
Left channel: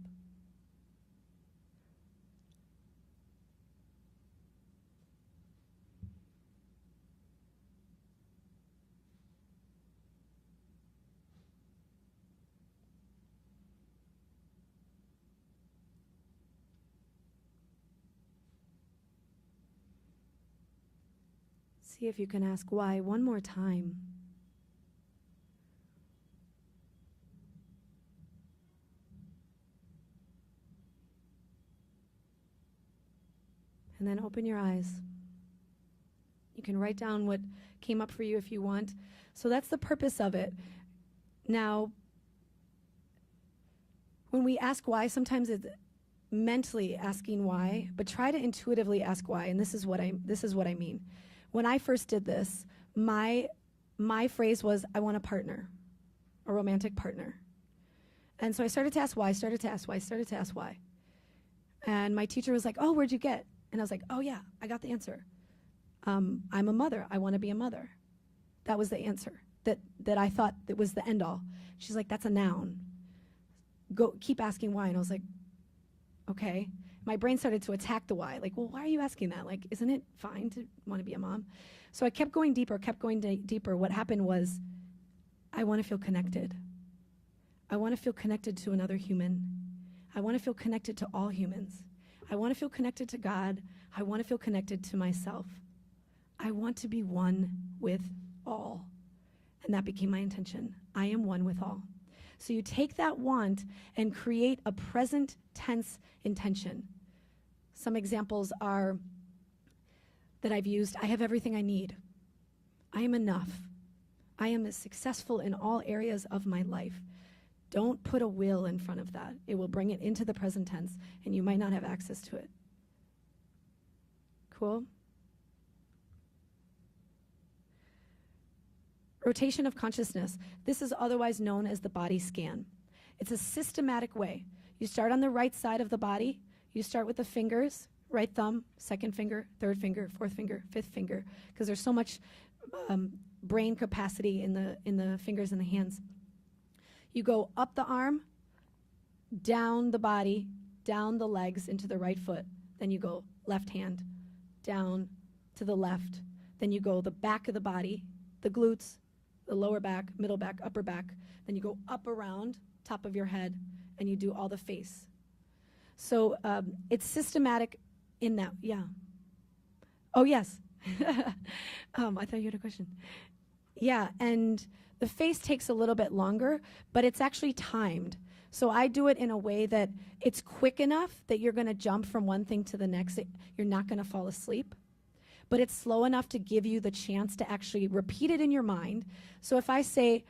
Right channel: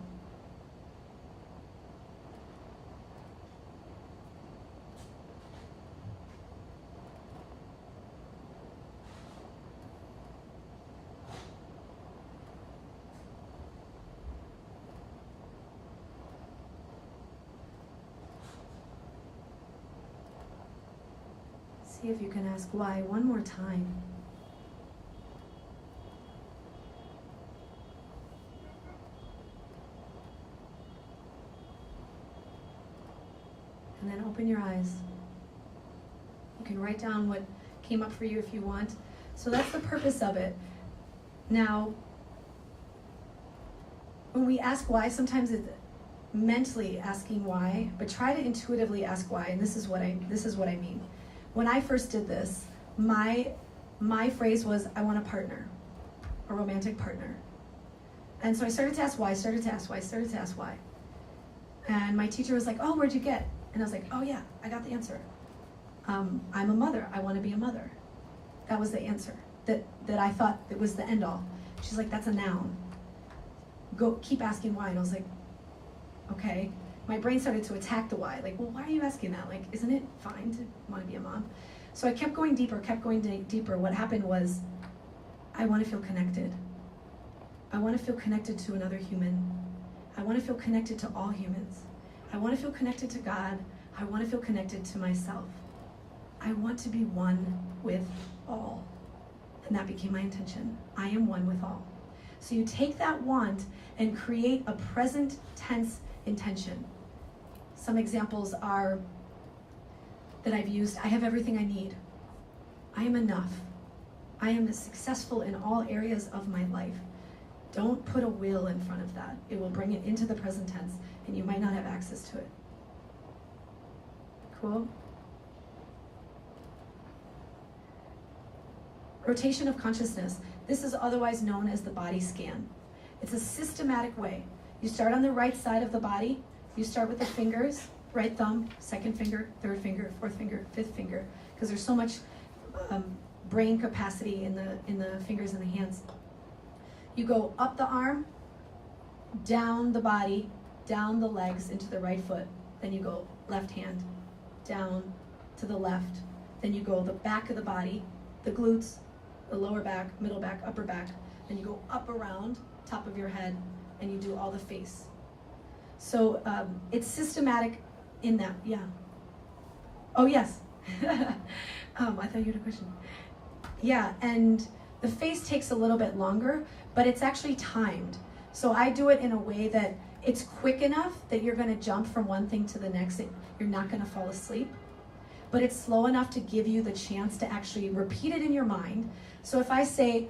See if you can ask why one more time. And then open your eyes. You can write down what came up for you if you want. So that's the purpose of it. Now, when we ask why, sometimes it's mentally asking why, but try to intuitively ask why, and this is what I mean. When I first did this, my phrase was, I want a partner, a romantic partner. And so I started to ask why, started to ask why. And my teacher was like, oh, where'd you get? And I was like, oh yeah, I got the answer. I'm a mother, I want to be a mother. That was the answer, that I thought it was the end all. She's like, that's a noun. Go, keep asking why. And I was like, okay. My brain started to attack the why. Like, well, why are you asking that? Like, isn't it fine to want to be a mom? So I kept going deeper, deeper. What happened was, I want to feel connected. I want to feel connected to another human. I want to feel connected to all humans. I want to feel connected to God. I want to feel connected to myself. I want to be one with all. And that became my intention. I am one with all. So you take that want and create a present tense intention. Some examples are that I've used: I have everything I need. I am enough. I am successful in all areas of my life. Don't put a will in front of that. It will bring it into the present tense, and you might not have access to it. Cool? Rotation of consciousness. This is otherwise known as the body scan. It's a systematic way. You start on the right side of the body. You start with the fingers, right thumb, second finger, third finger, fourth finger, fifth finger, because there's so much brain capacity in the fingers and the hands. You go up the arm, down the body, down the legs into the right foot. Then you go left hand, down to the left. Then you go the back of the body, the glutes, the lower back, middle back, upper back. Then you go up around, top of your head, and you do all the face. So it's systematic in that, yeah. Oh, yes. I thought you had a question. Yeah, and the face takes a little bit longer, but it's actually timed. So I do it in a way that it's quick enough that you're going to jump from one thing to the next. You're not going to fall asleep. But it's slow enough to give you the chance to actually repeat it in your mind. So if I say,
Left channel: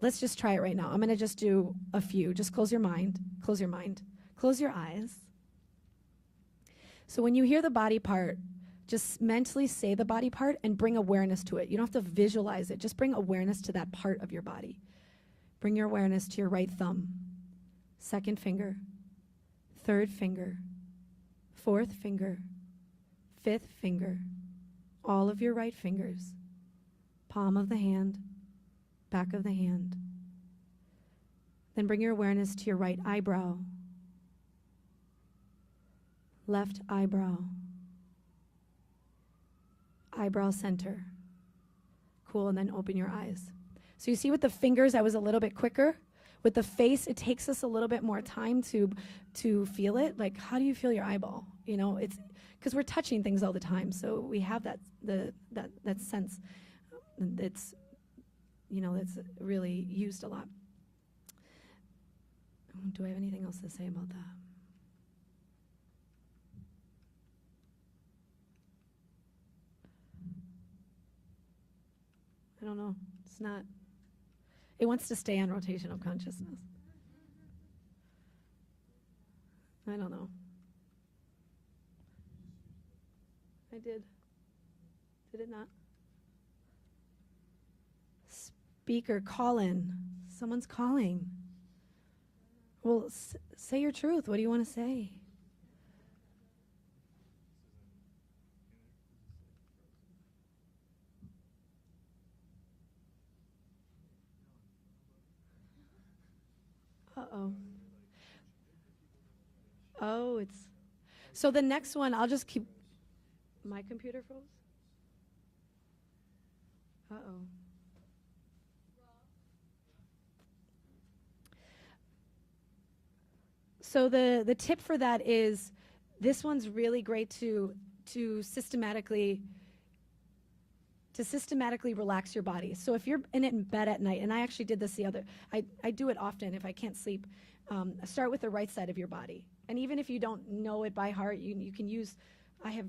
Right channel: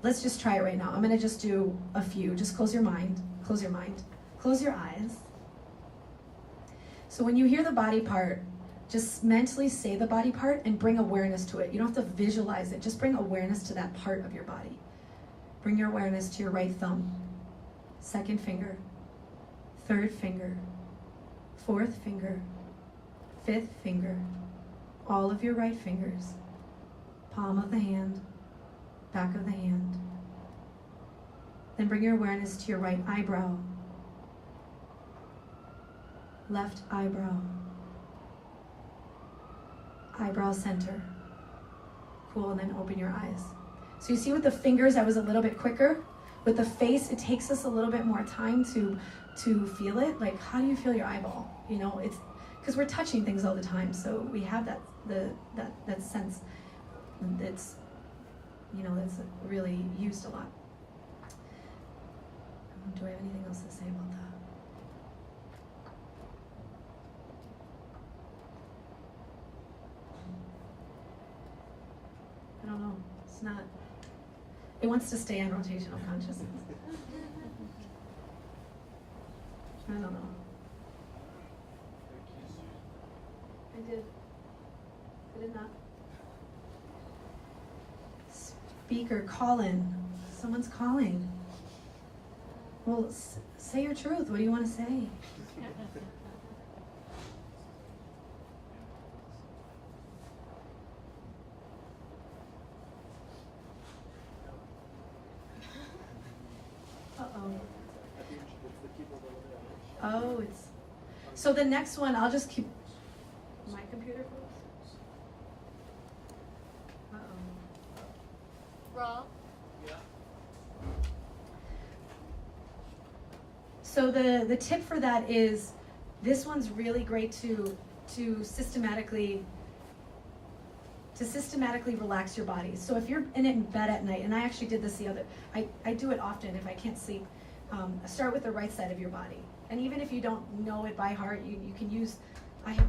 let's just try it right now. I'm going to just do a few. Just close your mind. Close your mind. Close your eyes. So when you hear the body part, just mentally say the body part and bring awareness to it. You don't have to visualize it. Just bring awareness to that part of your body. Bring your awareness to your right thumb, second finger, third finger, fourth finger, fifth finger, all of your right fingers, palm of the hand, back of the hand. Then bring your awareness to your right eyebrow, left eyebrow, eyebrow center. Cool, and then open your eyes. So you see with the fingers, I was a little bit quicker. With the face, it takes us a little bit more time to feel it. Like, how do you feel your eyeball? You know, it's because we're touching things all the time, so we have that sense. It's, you know, that's really used a lot. do I have anything else to say about that? I don't know. It's not. It wants to stay in rotational consciousness. I don't know. I did. Did it not? Speaker, call in. Someone's calling. Well, say your truth. What do you want to say? Uh-oh. Oh, it's... So the next one, I'll just keep... My computer froze? Uh-oh. Raw. So the tip for that is, this one's really great to systematically relax your body. So if you're in bed at night, and I actually did this I do it often if I can't sleep, start with the right side of your body. And even if you don't know it by heart, you can use, I have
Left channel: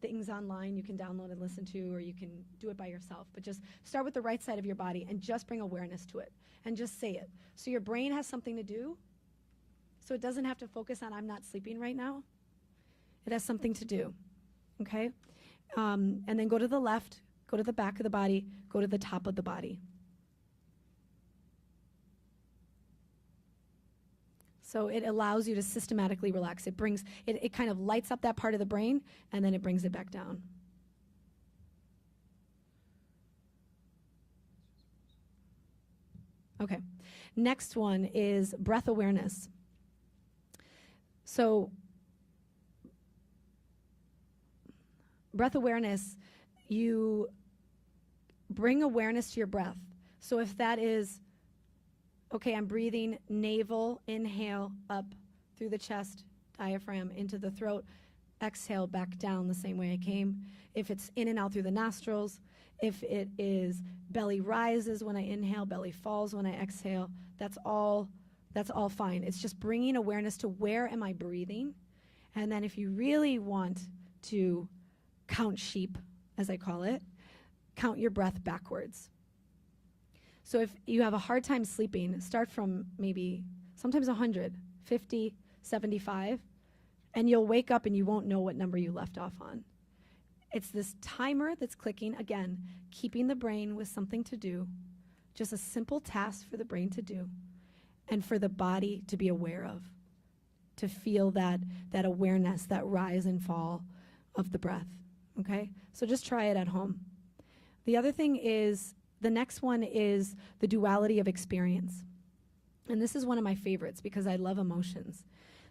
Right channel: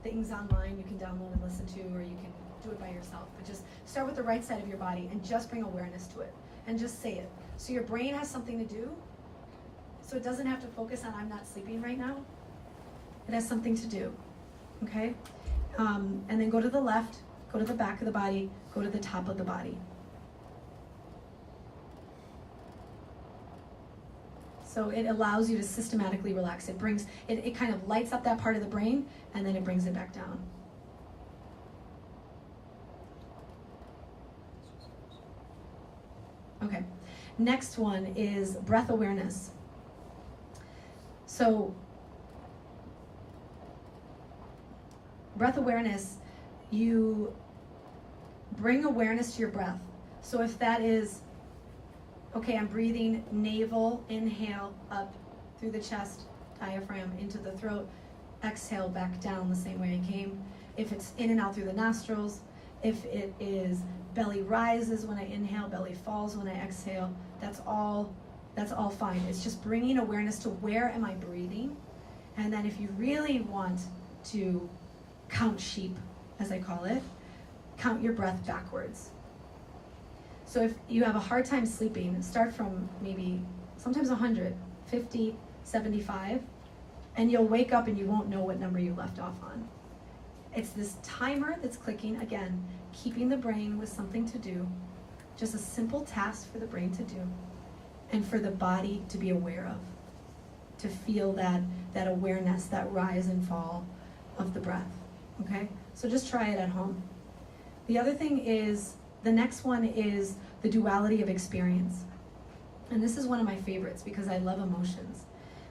things online you can download and listen to, or you can do it by yourself. But just start with the right side of your body and just bring awareness to it. And just say it. So your brain has something to do. So it doesn't have to focus on I'm not sleeping right now. It has something to do. Okay? And then go to the left, go to the back of the body, go to the top of the body. So it allows you to systematically relax. It kind of lights up that part of the brain, and then it brings it back down. Okay. Next one is breath awareness. So breath awareness, you bring awareness to your breath. So if that is, okay, I'm breathing navel, inhale, up through the chest, diaphragm, into the throat, exhale back down the same way I came. If it's in and out through the nostrils, if it is belly rises when I inhale, belly falls when I exhale, that's all fine. It's just bringing awareness to where am I breathing. And then if you really want to count sheep, as I call it, count your breath backwards. So if you have a hard time sleeping, start from maybe sometimes 100, 50, 75, and you'll wake up and you won't know what number you left off on. It's this timer that's clicking, again, keeping the brain with something to do, just a simple task for the brain to do, and for the body to be aware of, to feel that awareness, that rise and fall of the breath, okay? So just try it at home. The other thing is, the next one is the duality of experience. And this is one of my favorites because I love emotions.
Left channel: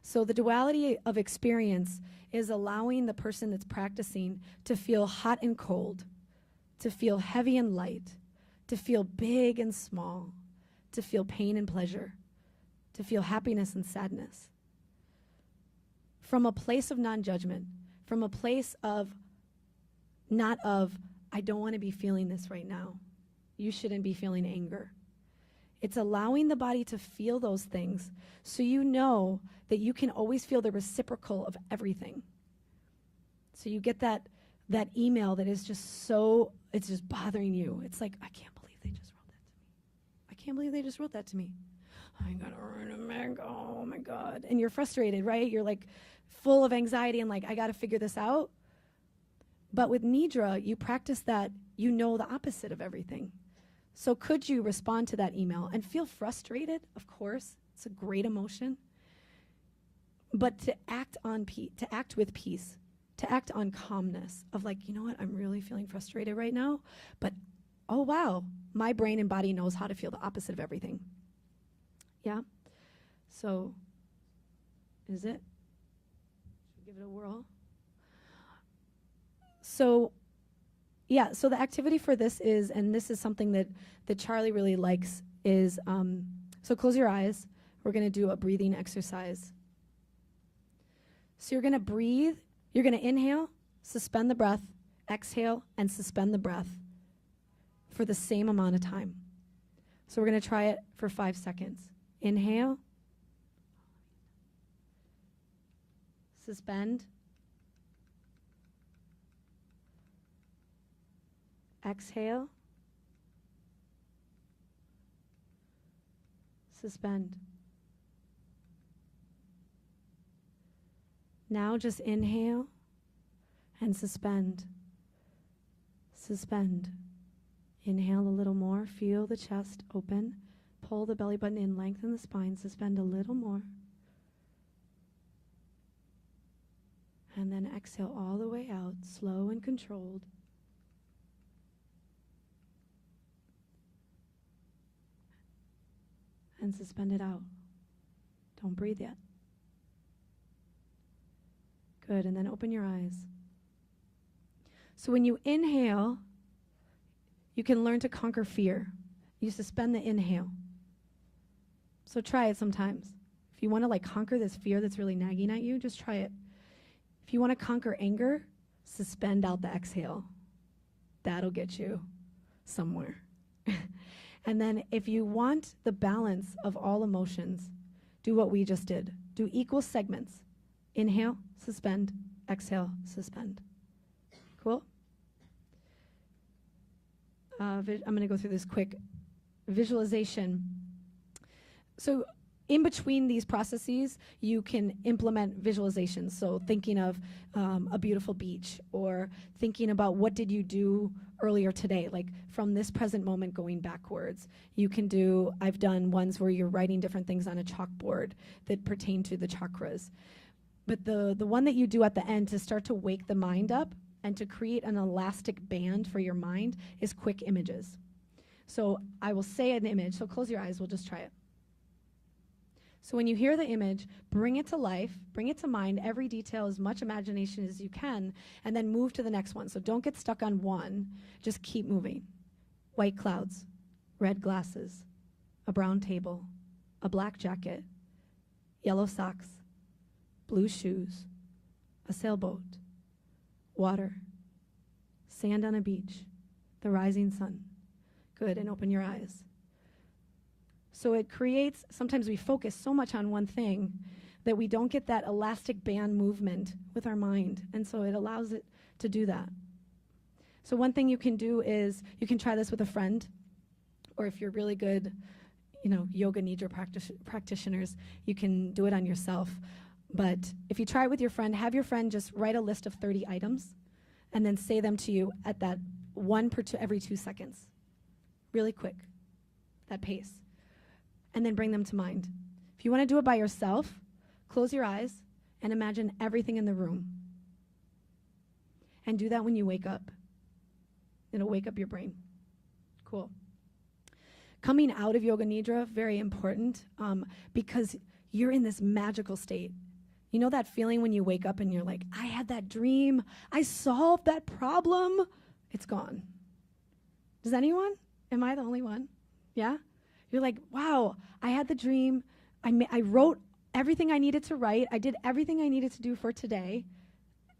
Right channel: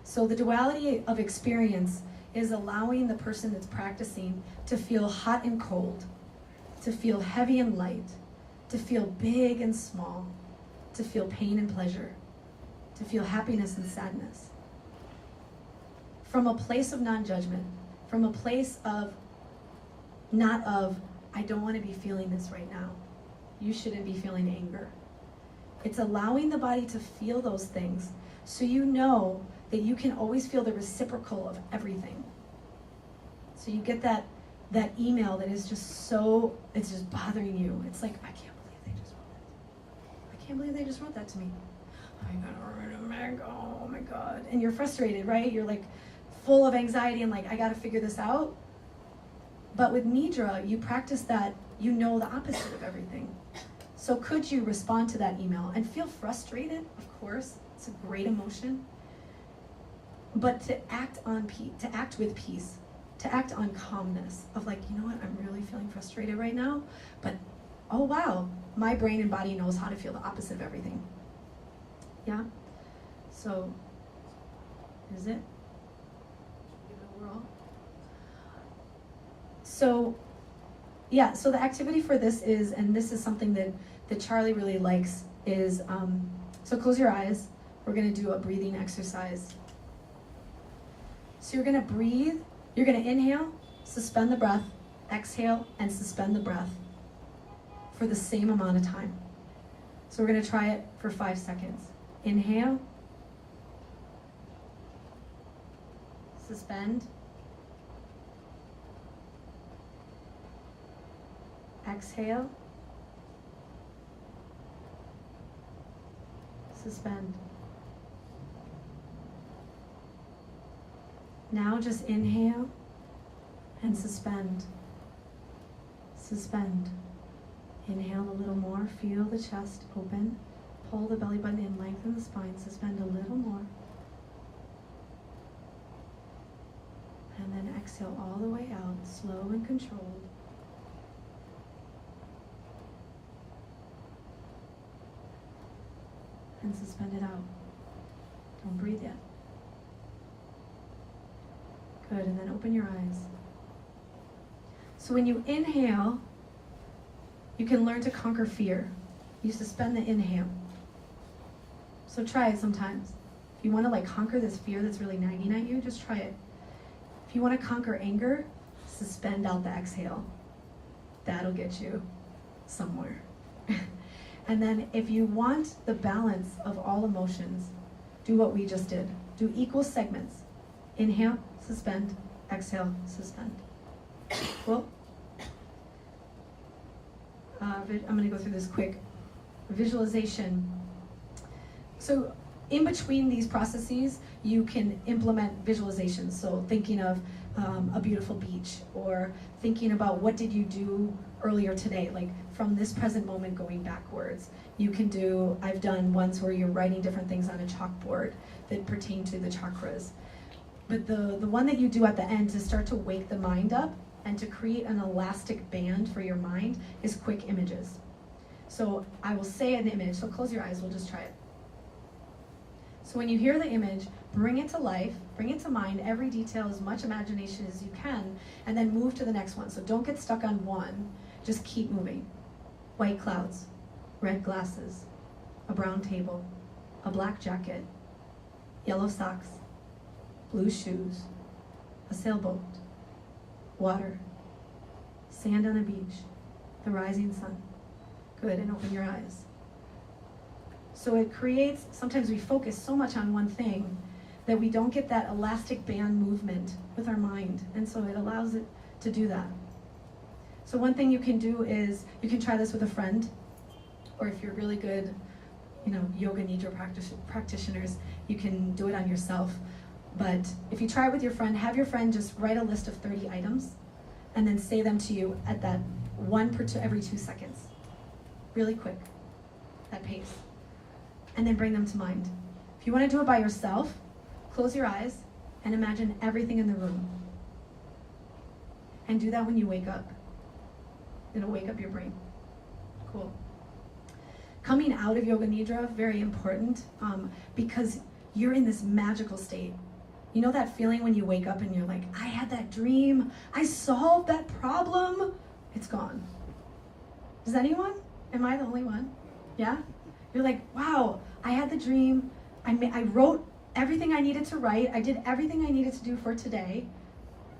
So the duality of experience is allowing the person that's practicing to feel hot and cold, to feel heavy and light, to feel big and small, to feel pain and pleasure, to feel happiness and sadness. From a place of non-judgment, from a place of, not of, I don't want to be feeling this right now. You shouldn't be feeling anger. It's allowing the body to feel those things so you know that you can always feel the reciprocal of everything. So you get that email that is just so, it's just bothering you. It's like, I can't believe they just wrote that. I can't believe they just wrote that to me. Oh my God. And you're frustrated, right? You're like full of anxiety and like, I gotta figure this out. But with Nidra, you practice that, you know the opposite of everything. So could you respond to that email and feel frustrated? Of course, it's a great emotion. But to act on peace, to act with peace, to act on calmness of like, you know what, I'm really feeling frustrated right now, but oh wow, my brain and body knows how to feel the opposite of everything. Yeah? So, is it? Give it a whirl. So, yeah, so the activity for this is, and this is something that Charlie really likes, is, so close your eyes. We're going to do a breathing exercise. So you're going to breathe, you're going to inhale, suspend the breath, exhale, and suspend the breath for the same amount of time. So we're going to try it for 5 seconds. Inhale, suspend, exhale, suspend. Now just inhale and suspend. Suspend. Inhale a little more. Feel the chest open. Pull the belly button in, lengthen the spine. Suspend a little more. And then exhale all the way out, slow and controlled. And suspend it out. Don't breathe yet. Good, and then open your eyes. So when you inhale, you can learn to conquer fear. You suspend the inhale. So try it sometimes. If you want to conquer this fear that's really nagging at you, just try it. If you want to conquer anger, suspend out the exhale. That'll get you somewhere. And then if you want the balance of all emotions, do what we just did. Do equal segments. Inhale, suspend, exhale, suspend. Cool? I'm going to go through this quick visualization. So in between these processes, you can implement visualizations. So thinking of a beautiful beach, or thinking about what did you do earlier today, like from this present moment going backwards. You can do, I've done ones where you're writing different things on a chalkboard that pertain to the chakras. But the one that you do at the end to start to wake the mind up and to create an elastic band for your mind is quick images. So I will say an image, so close your eyes, we'll just try it. So when you hear the image, bring it to life, bring it to mind, every detail, as much imagination as you can, and then move to the next one. So don't get stuck on one, just keep moving. White clouds, red glasses, a brown table, a black jacket, yellow socks, blue shoes, a sailboat, water, sand on a beach, the rising sun. Good, and open your eyes. So it creates, sometimes we focus so much on one thing that we don't get that elastic band movement with our mind, and so it allows it to do that. So one thing you can do is, you can try this with a friend, or if you're really good, Yoga Nidra practitioners, you can do it on yourself. But if you try it with your friend, have your friend just write a list of 30 items, and then say them to you at that every 2 seconds. Really quick, that pace. And then bring them to mind. If you want to do it by yourself, close your eyes and imagine everything in the room. And do that when you wake up. It'll wake up your brain. Cool. Coming out of Yoga Nidra, very important, because you're in this magical state. You know that feeling when you wake up and you're like, I had that dream, I solved that problem, it's gone. Does anyone? Am I the only one? Yeah? You're like, wow, I had the dream, I wrote everything I needed to write, I did everything I needed to do for today,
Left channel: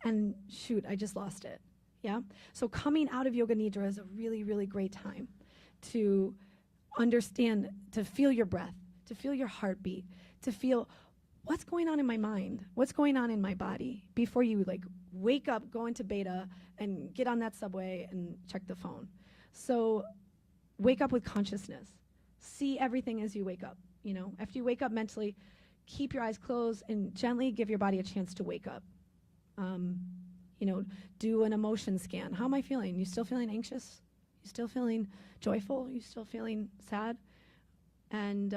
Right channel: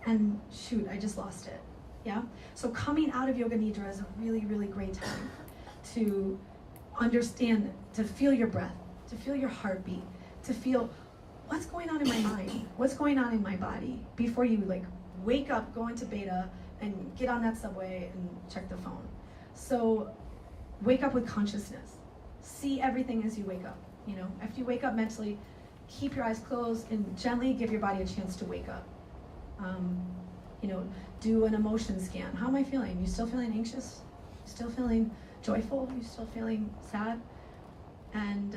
and shoot, I just lost it. Yeah? So coming out of Yoga Nidra is a really, really great time to understand, to feel your breath, to feel your heartbeat, to feel what's going on in my mind, what's going on in my body, before you wake up, go into beta, and get on that subway and check the phone. So wake up with consciousness. See everything as you wake up. After you wake up mentally, keep your eyes closed and gently give your body a chance to wake up. Do an emotion scan. How am I feeling? You still feeling anxious? You still feeling joyful? You still feeling sad? And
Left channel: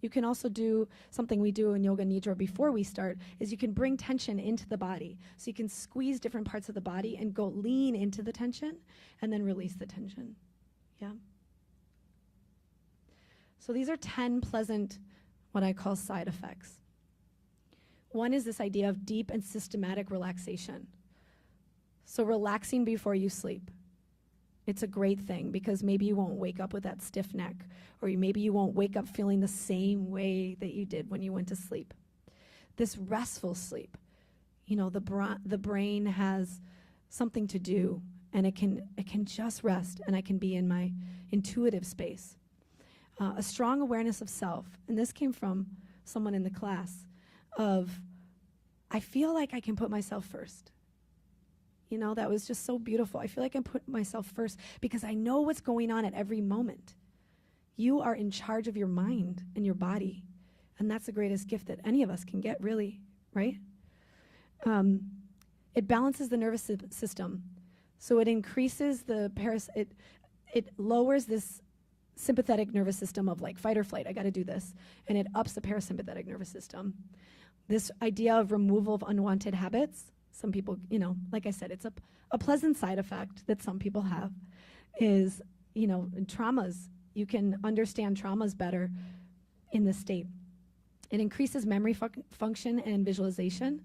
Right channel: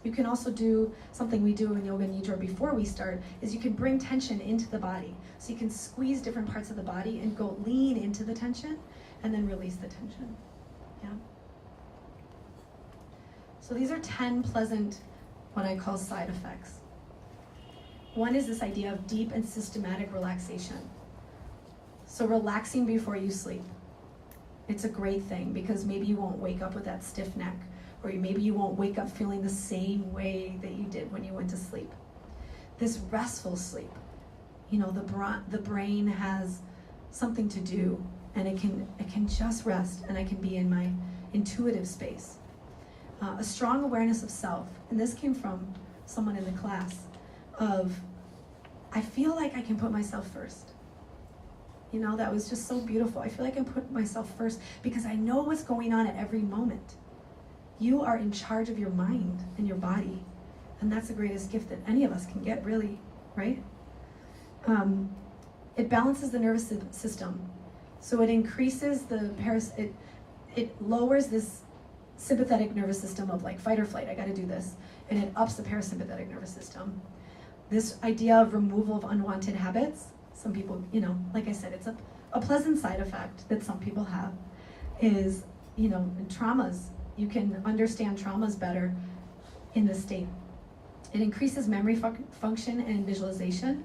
you can also do something we do in Yoga Nidra before we start, is you can bring tension into the body. So you can squeeze different parts of the body and go lean into the tension and then release the tension. Yeah? So these are 10 pleasant, what I call side effects. One is this idea of deep and systematic relaxation. So relaxing before you sleep. It's a great thing because maybe you won't wake up with that stiff neck, or maybe you won't wake up feeling the same way that you did when you went to sleep. This restful sleep, the brain has something to do, and it can just rest, and I can be in my intuitive space. A strong awareness of self, and this came from someone in the class, of I feel like I can put myself first. You know, that was just so beautiful. I feel like I can put myself first because I know what's going on at every moment. You are in charge of your mind and your body. And that's the greatest gift that any of us can get, really, right? It balances the nervous system. So it increases the it lowers this sympathetic nervous system of like fight or flight, I gotta do this. And it ups the parasympathetic nervous system. This idea of removal of unwanted habits, some people, you know, like I said, it's a pleasant side effect that some people have, is, you know, traumas. You can understand traumas better in this state. It increases memory function and visualization.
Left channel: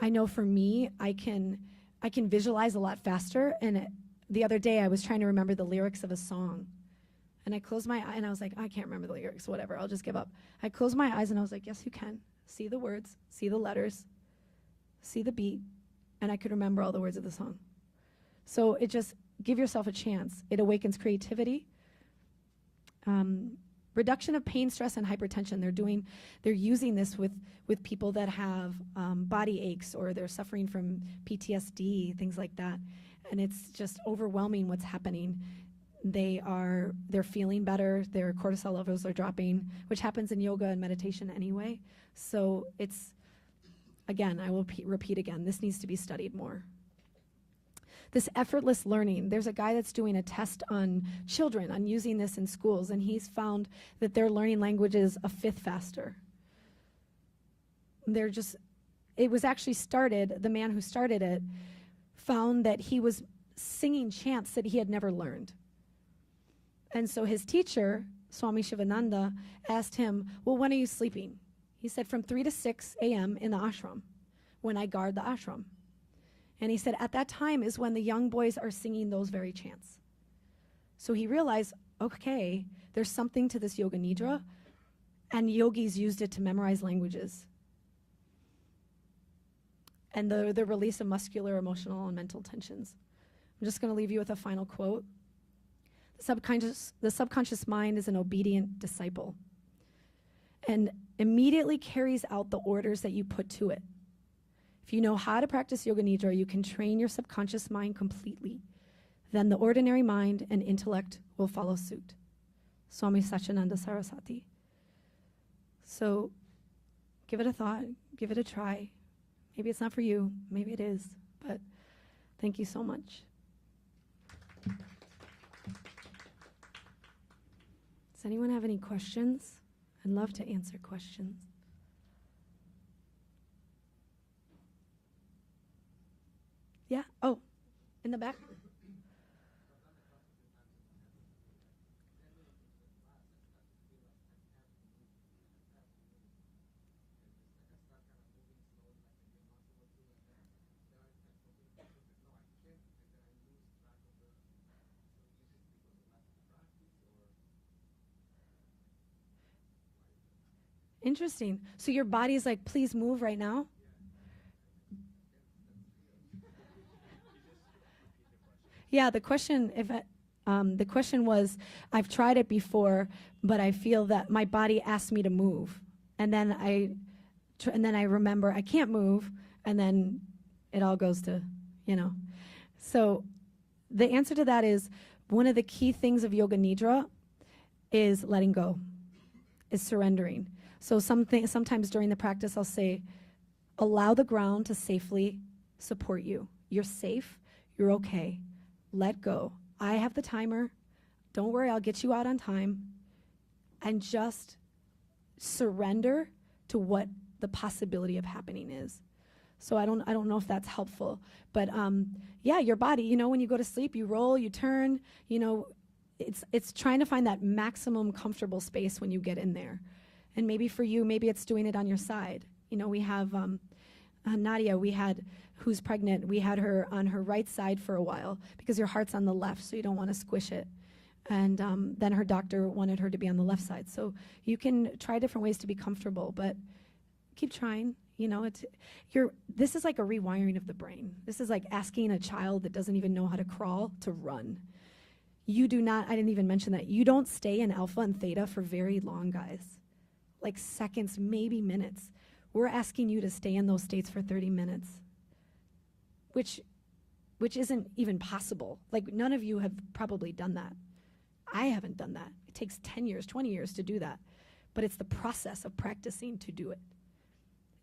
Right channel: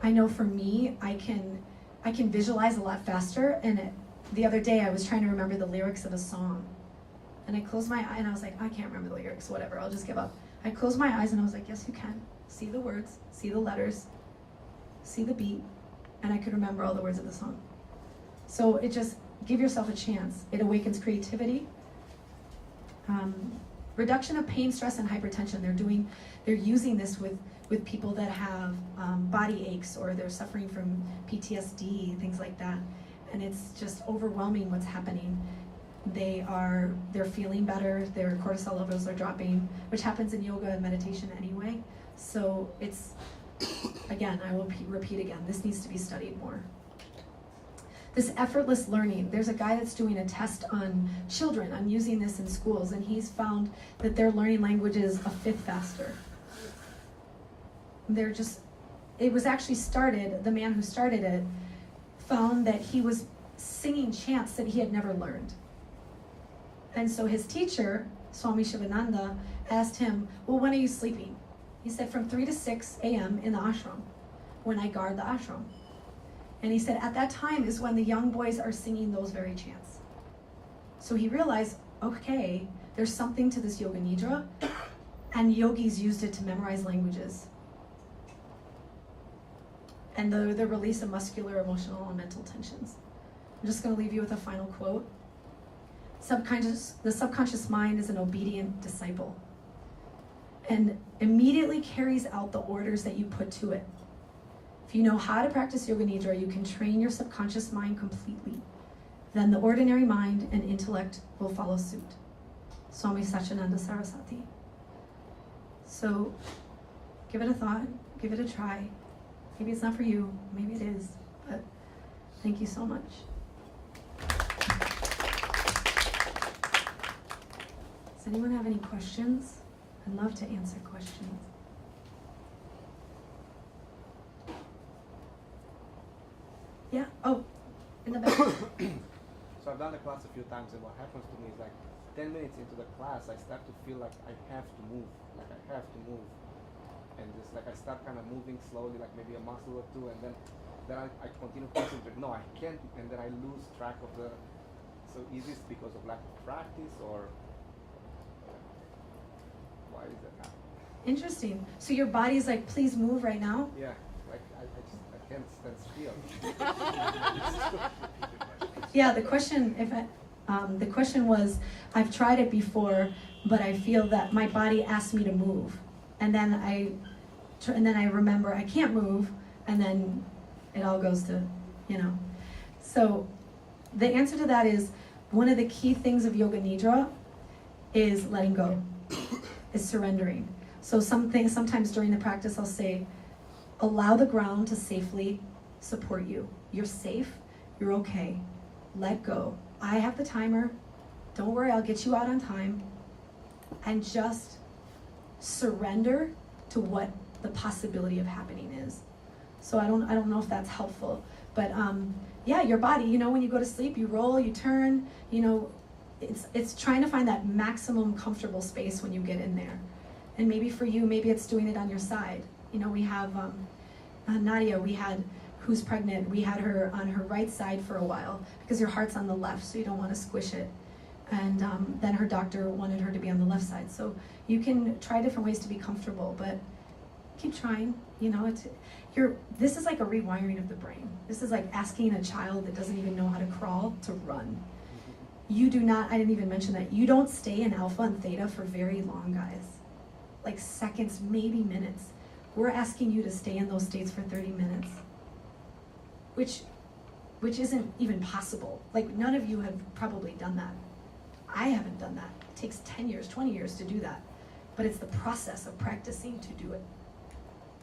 I know for me, I can visualize a lot faster. And the other day, I was trying to remember the lyrics of a song, and I closed my eye and I was like, I can't remember the lyrics. Whatever, I'll just give up. I closed my eyes and I was like, yes, you can. See the words, see the letters, see the beat, and I could remember all the words of the song. So it just, give yourself a chance. It awakens creativity. Reduction of pain, stress, and hypertension. They're using this with people that have body aches, or they're suffering from PTSD, things like that. And it's just overwhelming what's happening. They're feeling better, their cortisol levels are dropping, which happens in yoga and meditation anyway. So it's, again, I will repeat again, this needs to be studied more. This effortless learning, there's a guy that's doing a test on children on using this in schools, and he's found that they're learning languages a fifth faster. It was actually started, the man who started it found that he was singing chants that he had never learned. And so his teacher, Swami Shivananda, asked him, well, when are you sleeping? He said, from 3 to 6 a.m. in the ashram, when I guard the ashram. And he said, at that time is when the young boys are singing those very chants. So he realized, okay, there's something to this Yoga Nidra, and yogis used it to memorize languages. And the release of muscular, emotional, and mental tensions. I'm just going to leave you with a final quote. The subconscious mind is an obedient disciple and immediately carries out the orders that you put to it. If you know how to practice Yoga Nidra, you can train your subconscious mind completely. Then the ordinary mind and intellect will follow suit. Swami Satchidananda Saraswati. So give it a thought, give it a try. Maybe it's not for you, maybe it is, but thank you so much. Does anyone have any questions? I'd love to answer questions. Yeah? Oh, in the back. So I've done the class a few times, and what happens to me is like 10 minutes into the class, I start to feel like I have to move, and just like I start kind of moving slowly, like maybe a muscle or two, and then I continue concentrating. No, I can't, and then I lose track of the. So is this because of lack of practice, or why is that happening? Interesting. So your body's like, please move right now? Yeah, like I can't stand still. Yeah, the question was, I've tried it before, but I feel that my body asks me to move, and then I remember I can't move, and then it all goes to, So the answer to that is, one of the key things of Yoga Nidra is letting go, is surrendering. So sometimes during the practice I'll say, allow the ground to safely support you. You're safe, you're okay. Let go. I have the timer. Don't worry, I'll get you out on time. And just surrender to what the possibility of happening is. So I don't know if that's helpful, but yeah, your body, when you go to sleep, you roll, you turn, it's trying to find that maximum comfortable space when you get in there. And maybe for you, maybe it's doing it on your side. We have Nadia, who's pregnant, we had her on her right side for a while because your heart's on the left, so you don't want to squish it. And then her doctor wanted her to be on the left side. So you can try different ways to be comfortable, but keep trying. This is like a rewiring of the brain. This is like asking a child that doesn't even know how to crawl to run. You do not, I didn't even mention that, you don't stay in alpha and theta for very long, guys. Like seconds, maybe minutes. we're asking you to stay in those states for 30 minutes, which isn't even possible. Like, none of you have probably done that. I haven't done that. It takes 10 years, 20 years to do that. But it's the process of practicing to do it.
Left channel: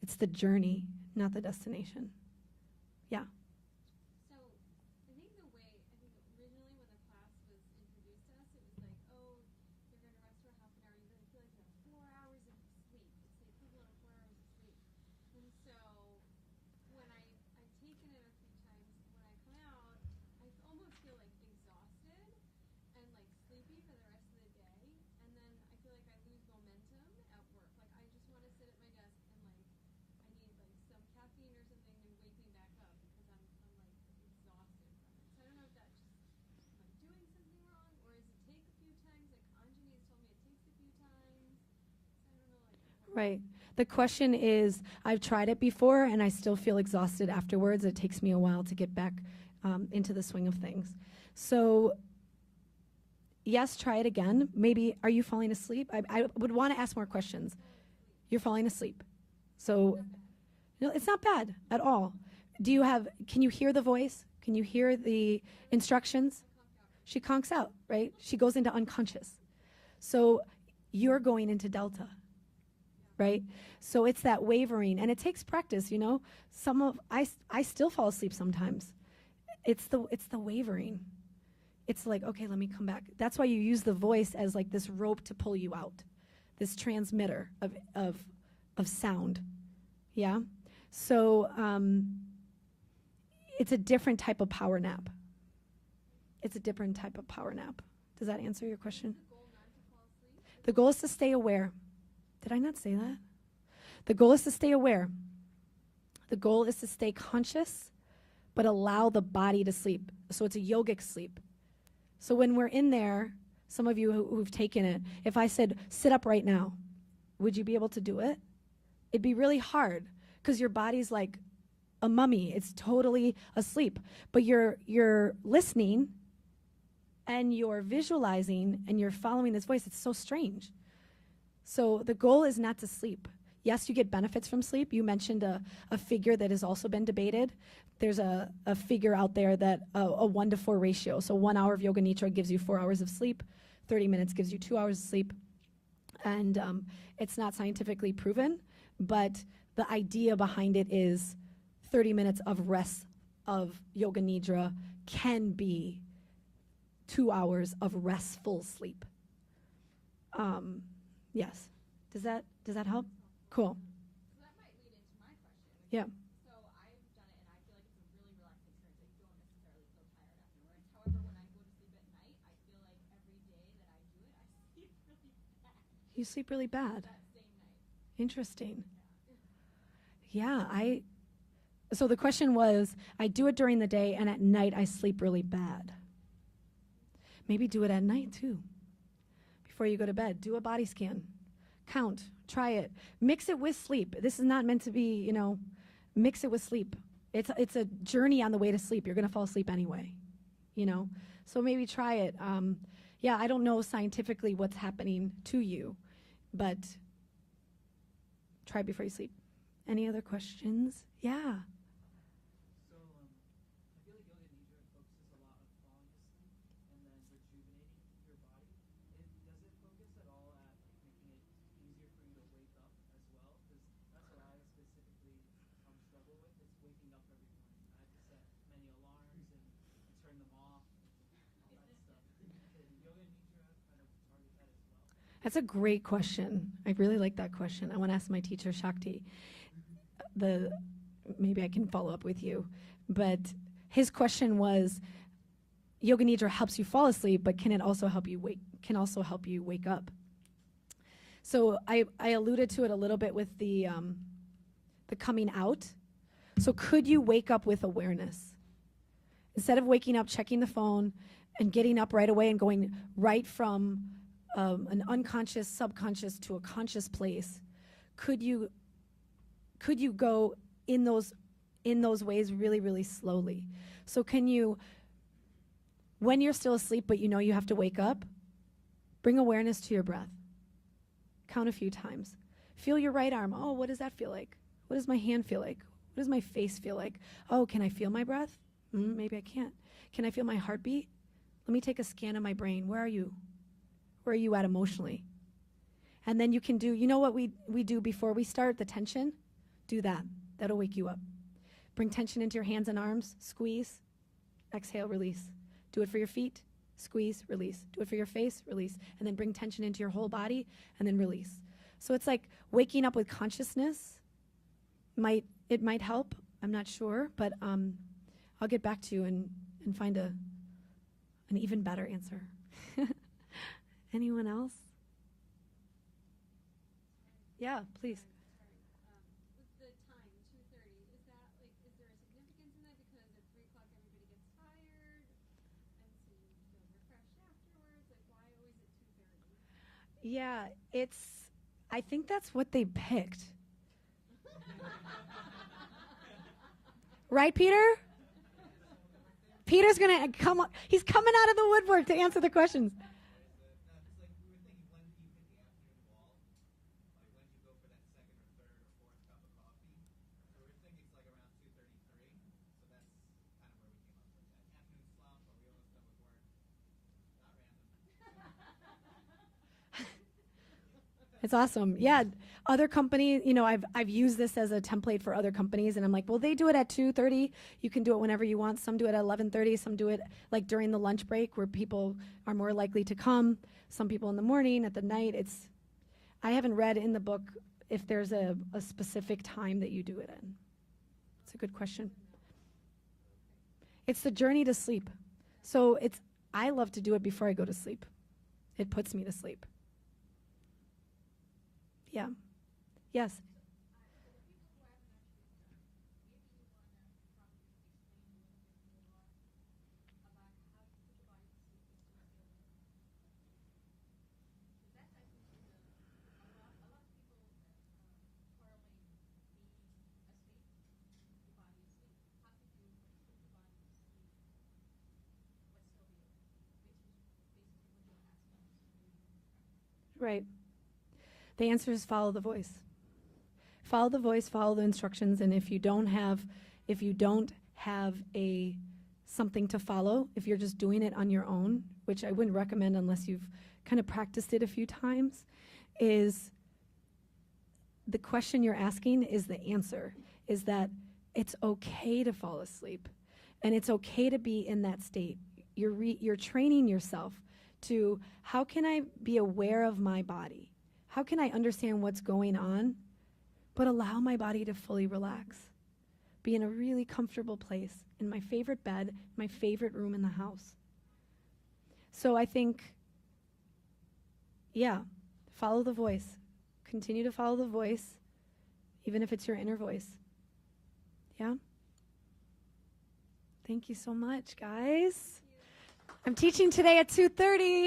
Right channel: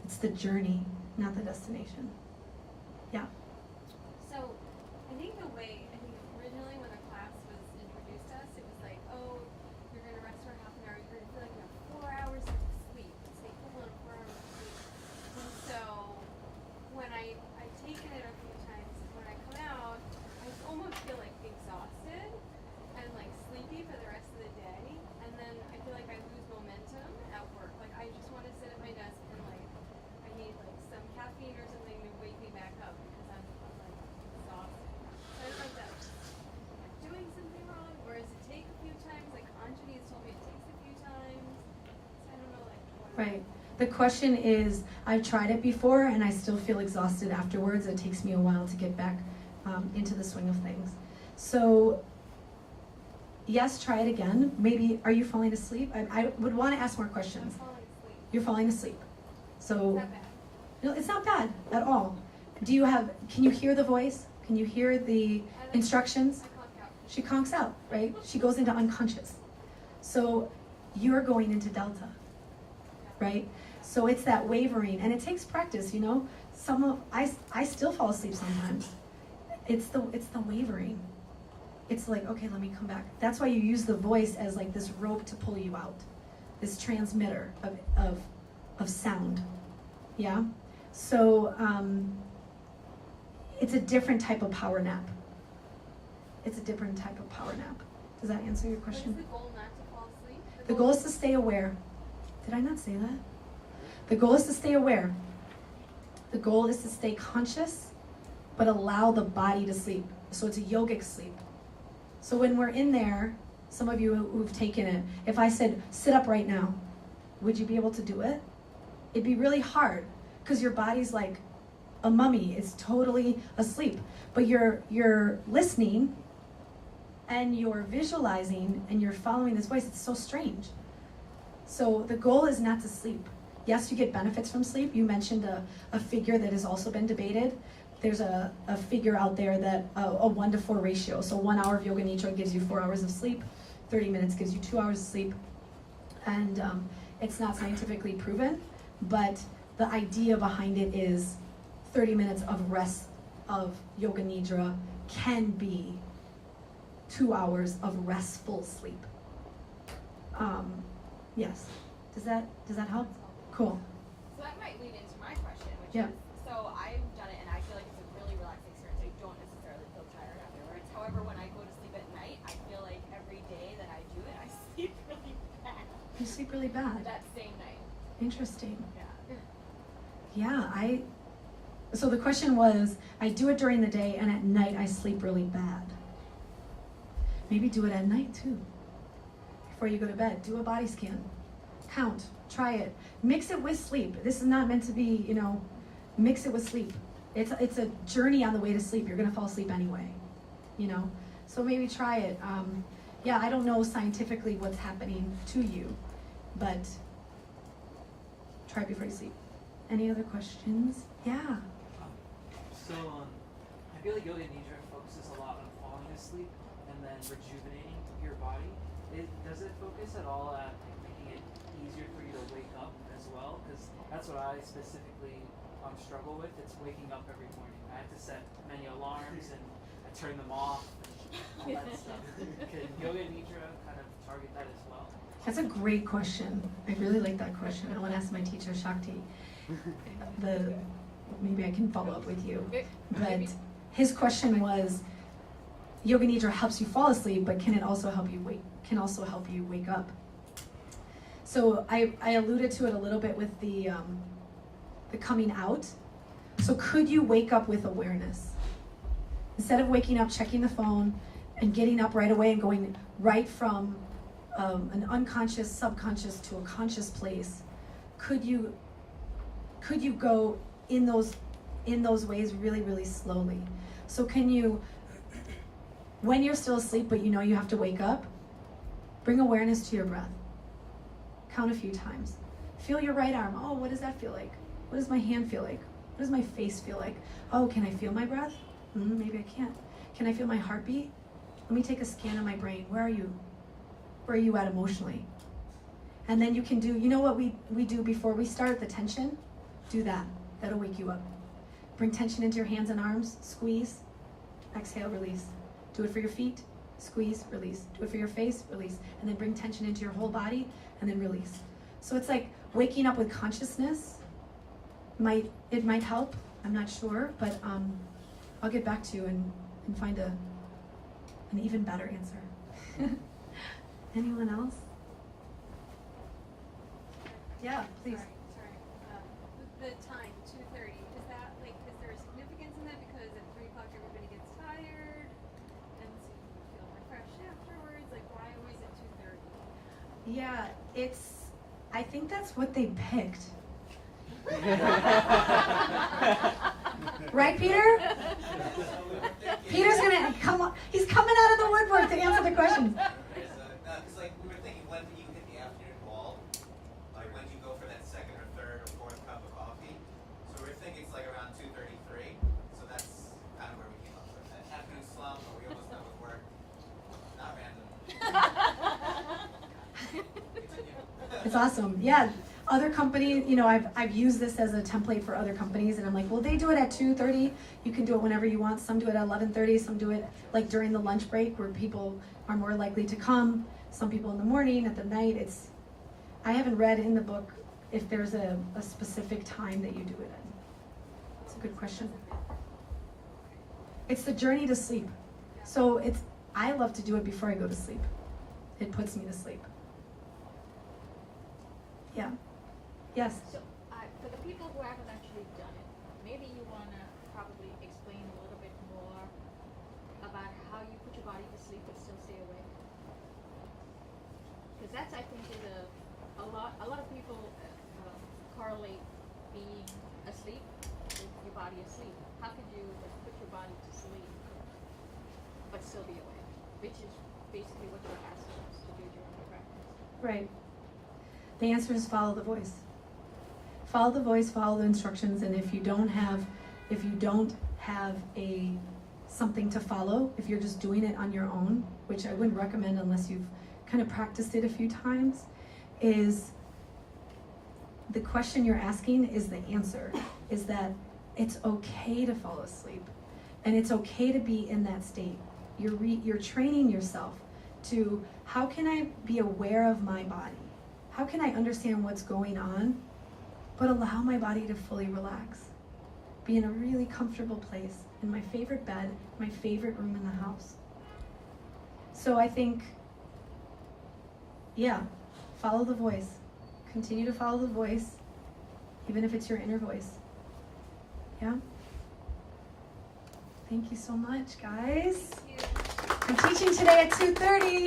It's the journey, not the destination. Yeah. So, I think originally when the class was introduced to us, it was like, oh, you're going to rest for half an hour, you're going to feel like you have 4 hours of sleep. It's the equivalent of 4 hours of sleep. And so, when I've taken it a few times, when I come out, I almost feel like exhausted and like sleepy for the rest of the day. And then I feel like I lose momentum at work. Like, I just want to sit at my desk and like, I need like some caffeine or something to wake me back up because I'm like exhausted. So I don't know if that's like doing something wrong, or does it take a few times? Like Anjani has told me it takes a few times. So I don't know like what. Right. The question is, I've tried it before and I still feel exhausted afterwards. It takes me a while to get back into the swing of things. So, yes, try it again. Maybe, are you falling asleep? I would want to ask more questions. I'm falling asleep. You're falling asleep. Is So, that bad? no, it's not bad at all. Can you hear the voice? Can you hear the instructions? I clocked out. She conks out, right? She goes into unconscious. So you're going into delta, right? So it's that wavering, and it takes practice, you know. I still fall asleep sometimes. It's the wavering. It's like, okay, let me come back. That's why you use the voice as like this rope to pull you out, this transmitter of sound. Yeah. So it's a different type of power nap. It's a different type of power nap. Does that answer your What question? is the goal, not to fall asleep? The goal is to stay aware. Did I not say that? The goal is to stay aware. The goal is to stay conscious, but allow the body to sleep. So it's a yogic sleep. So when we're in there, some of you who've taken it, if I said, sit up right now, would you be able to do it? It'd be really hard, because your body's like a mummy. It's totally asleep. But you're listening, and you're visualizing, and you're following this voice. It's so strange. So the goal is not to sleep. Yes, you get benefits from sleep. You mentioned a figure that has also been debated. There's a figure out there that a 1-to-4 ratio. So 1 hour of Yoga Nidra gives you 4 hours of sleep. 30 minutes gives you 2 hours of sleep. And it's not scientifically proven, but the idea behind it is 30 minutes of rest of Yoga Nidra can be 2 hours of restful sleep. Yes. Does that help? Cool. So that might lead into my question, which Yeah. is, so I've done it and I feel like it's a really relaxing experience. I don't necessarily feel tired afterwards. However, when I go to sleep at night, I feel like every day that I do it, I sleep really bad. You sleep really bad. That same night. Interesting. Yeah. Yeah, so the question was, I do it during the day and at night I sleep really bad. Maybe do it at night too. Before you go to bed, do a body scan. Count, try it. Mix it with sleep. This is not meant to be, mix it with sleep. It's a journey on the way to sleep. You're gonna fall asleep anyway, So maybe try it. Yeah, I don't know scientifically what's happening to you, but try before you sleep. Any other questions? Yeah. So, I feel like Yoga Nidra focuses a lot on falling asleep and then rejuvenating your body. Does it focus at all at making it easier for you to wake up as well? Because that's what I specifically struggle with. It's waking up every morning. I have to set many alarms and I turn them off and all that stuff. Could Yoga Nidra kind of target that as well? That's a great question. I really like that question. I want to ask my teacher, Shakti. Maybe I can follow up with you. But his question was, Yoga Nidra helps you fall asleep, but can it also help you wake up? So I alluded to it a little bit with the coming out. So could you wake up with awareness? Instead of waking up, checking the phone, and getting up right away and going right from an unconscious, subconscious to a conscious place, could you go in those ways really, really slowly? So can you, when you're still asleep but you know you have to wake up, bring awareness to your breath. Count a few times. Feel your right arm. Oh, what does that feel like? What does my hand feel like? What does my face feel like? Oh, can I feel my breath? Maybe I can't. Can I feel my heartbeat? Let me take a scan of my brain. Where are you? Where are you at emotionally? And then you can do, you know what we do before we start, the tension? Do that. That'll wake you up. Bring tension into your hands and arms. Squeeze. Exhale, release. Do it for your feet. Squeeze, release. Do it for your face, release. And then bring tension into your whole body, and then release. So it's like waking up with consciousness. It might help. I'm not sure, but I'll get back to you and find an even better answer. Anyone else? Yeah, please. Sorry. The time, 2:30. Is that like, is there a significance in that? Because at 3 o'clock everybody gets tired, and so you feel refreshed afterwards. Like, why always at 2:30? Yeah, I think that's what they picked. Right, Peter? Peter's gonna come up. He's coming out of the woodwork to answer the questions. Because like we were thinking, when do you hit the afternoon wall? Like when do you go for that second or third or fourth cup of coffee? So we're thinking it's like around 2:33. So that's kind of where we came up with that afternoon slump. But we almost done with work. Not random. It's awesome. Yeah. Other companies, you know, I've used this as a template for other companies, and I'm like, well, they do it at 2:30. You can do it whenever you want. Some do it at 11:30. Some do it like during the lunch break, where people are more likely to come. Some people in the morning, at the night. I haven't read in the book if there's a specific time that you do it in. It's a good question. It's the journey to sleep. So I love to do it before I go to sleep. It puts me to sleep. Yeah. Yes. So, for the people who haven't actually done it, maybe you want to probably explain a little bit more about how you put your body to sleep but still stay awake. Because that's, I think, is a lot of people correlate being asleep with your body asleep. How could you put your body to sleep but still be awake? Which is basically what you're asking us to do during the practice. Right. The answer is follow the voice. Follow the voice, follow the instructions, and if you don't have something to follow, if you're just doing it on your own, which I wouldn't recommend unless you've kind of practiced it a few times, is the question you're asking is the answer, is that it's okay to fall asleep, and it's okay to be in that state. You're training yourself to, how can I be aware of my body? How can I understand what's going on, but allow my body to fully relax? Be in a really comfortable place, in my favorite bed, my favorite room in the house. So I think, yeah, follow the voice. Continue to follow the voice, even if it's your inner voice. Yeah? Thank you so much, guys. Thank you. I'm teaching today at 2:30.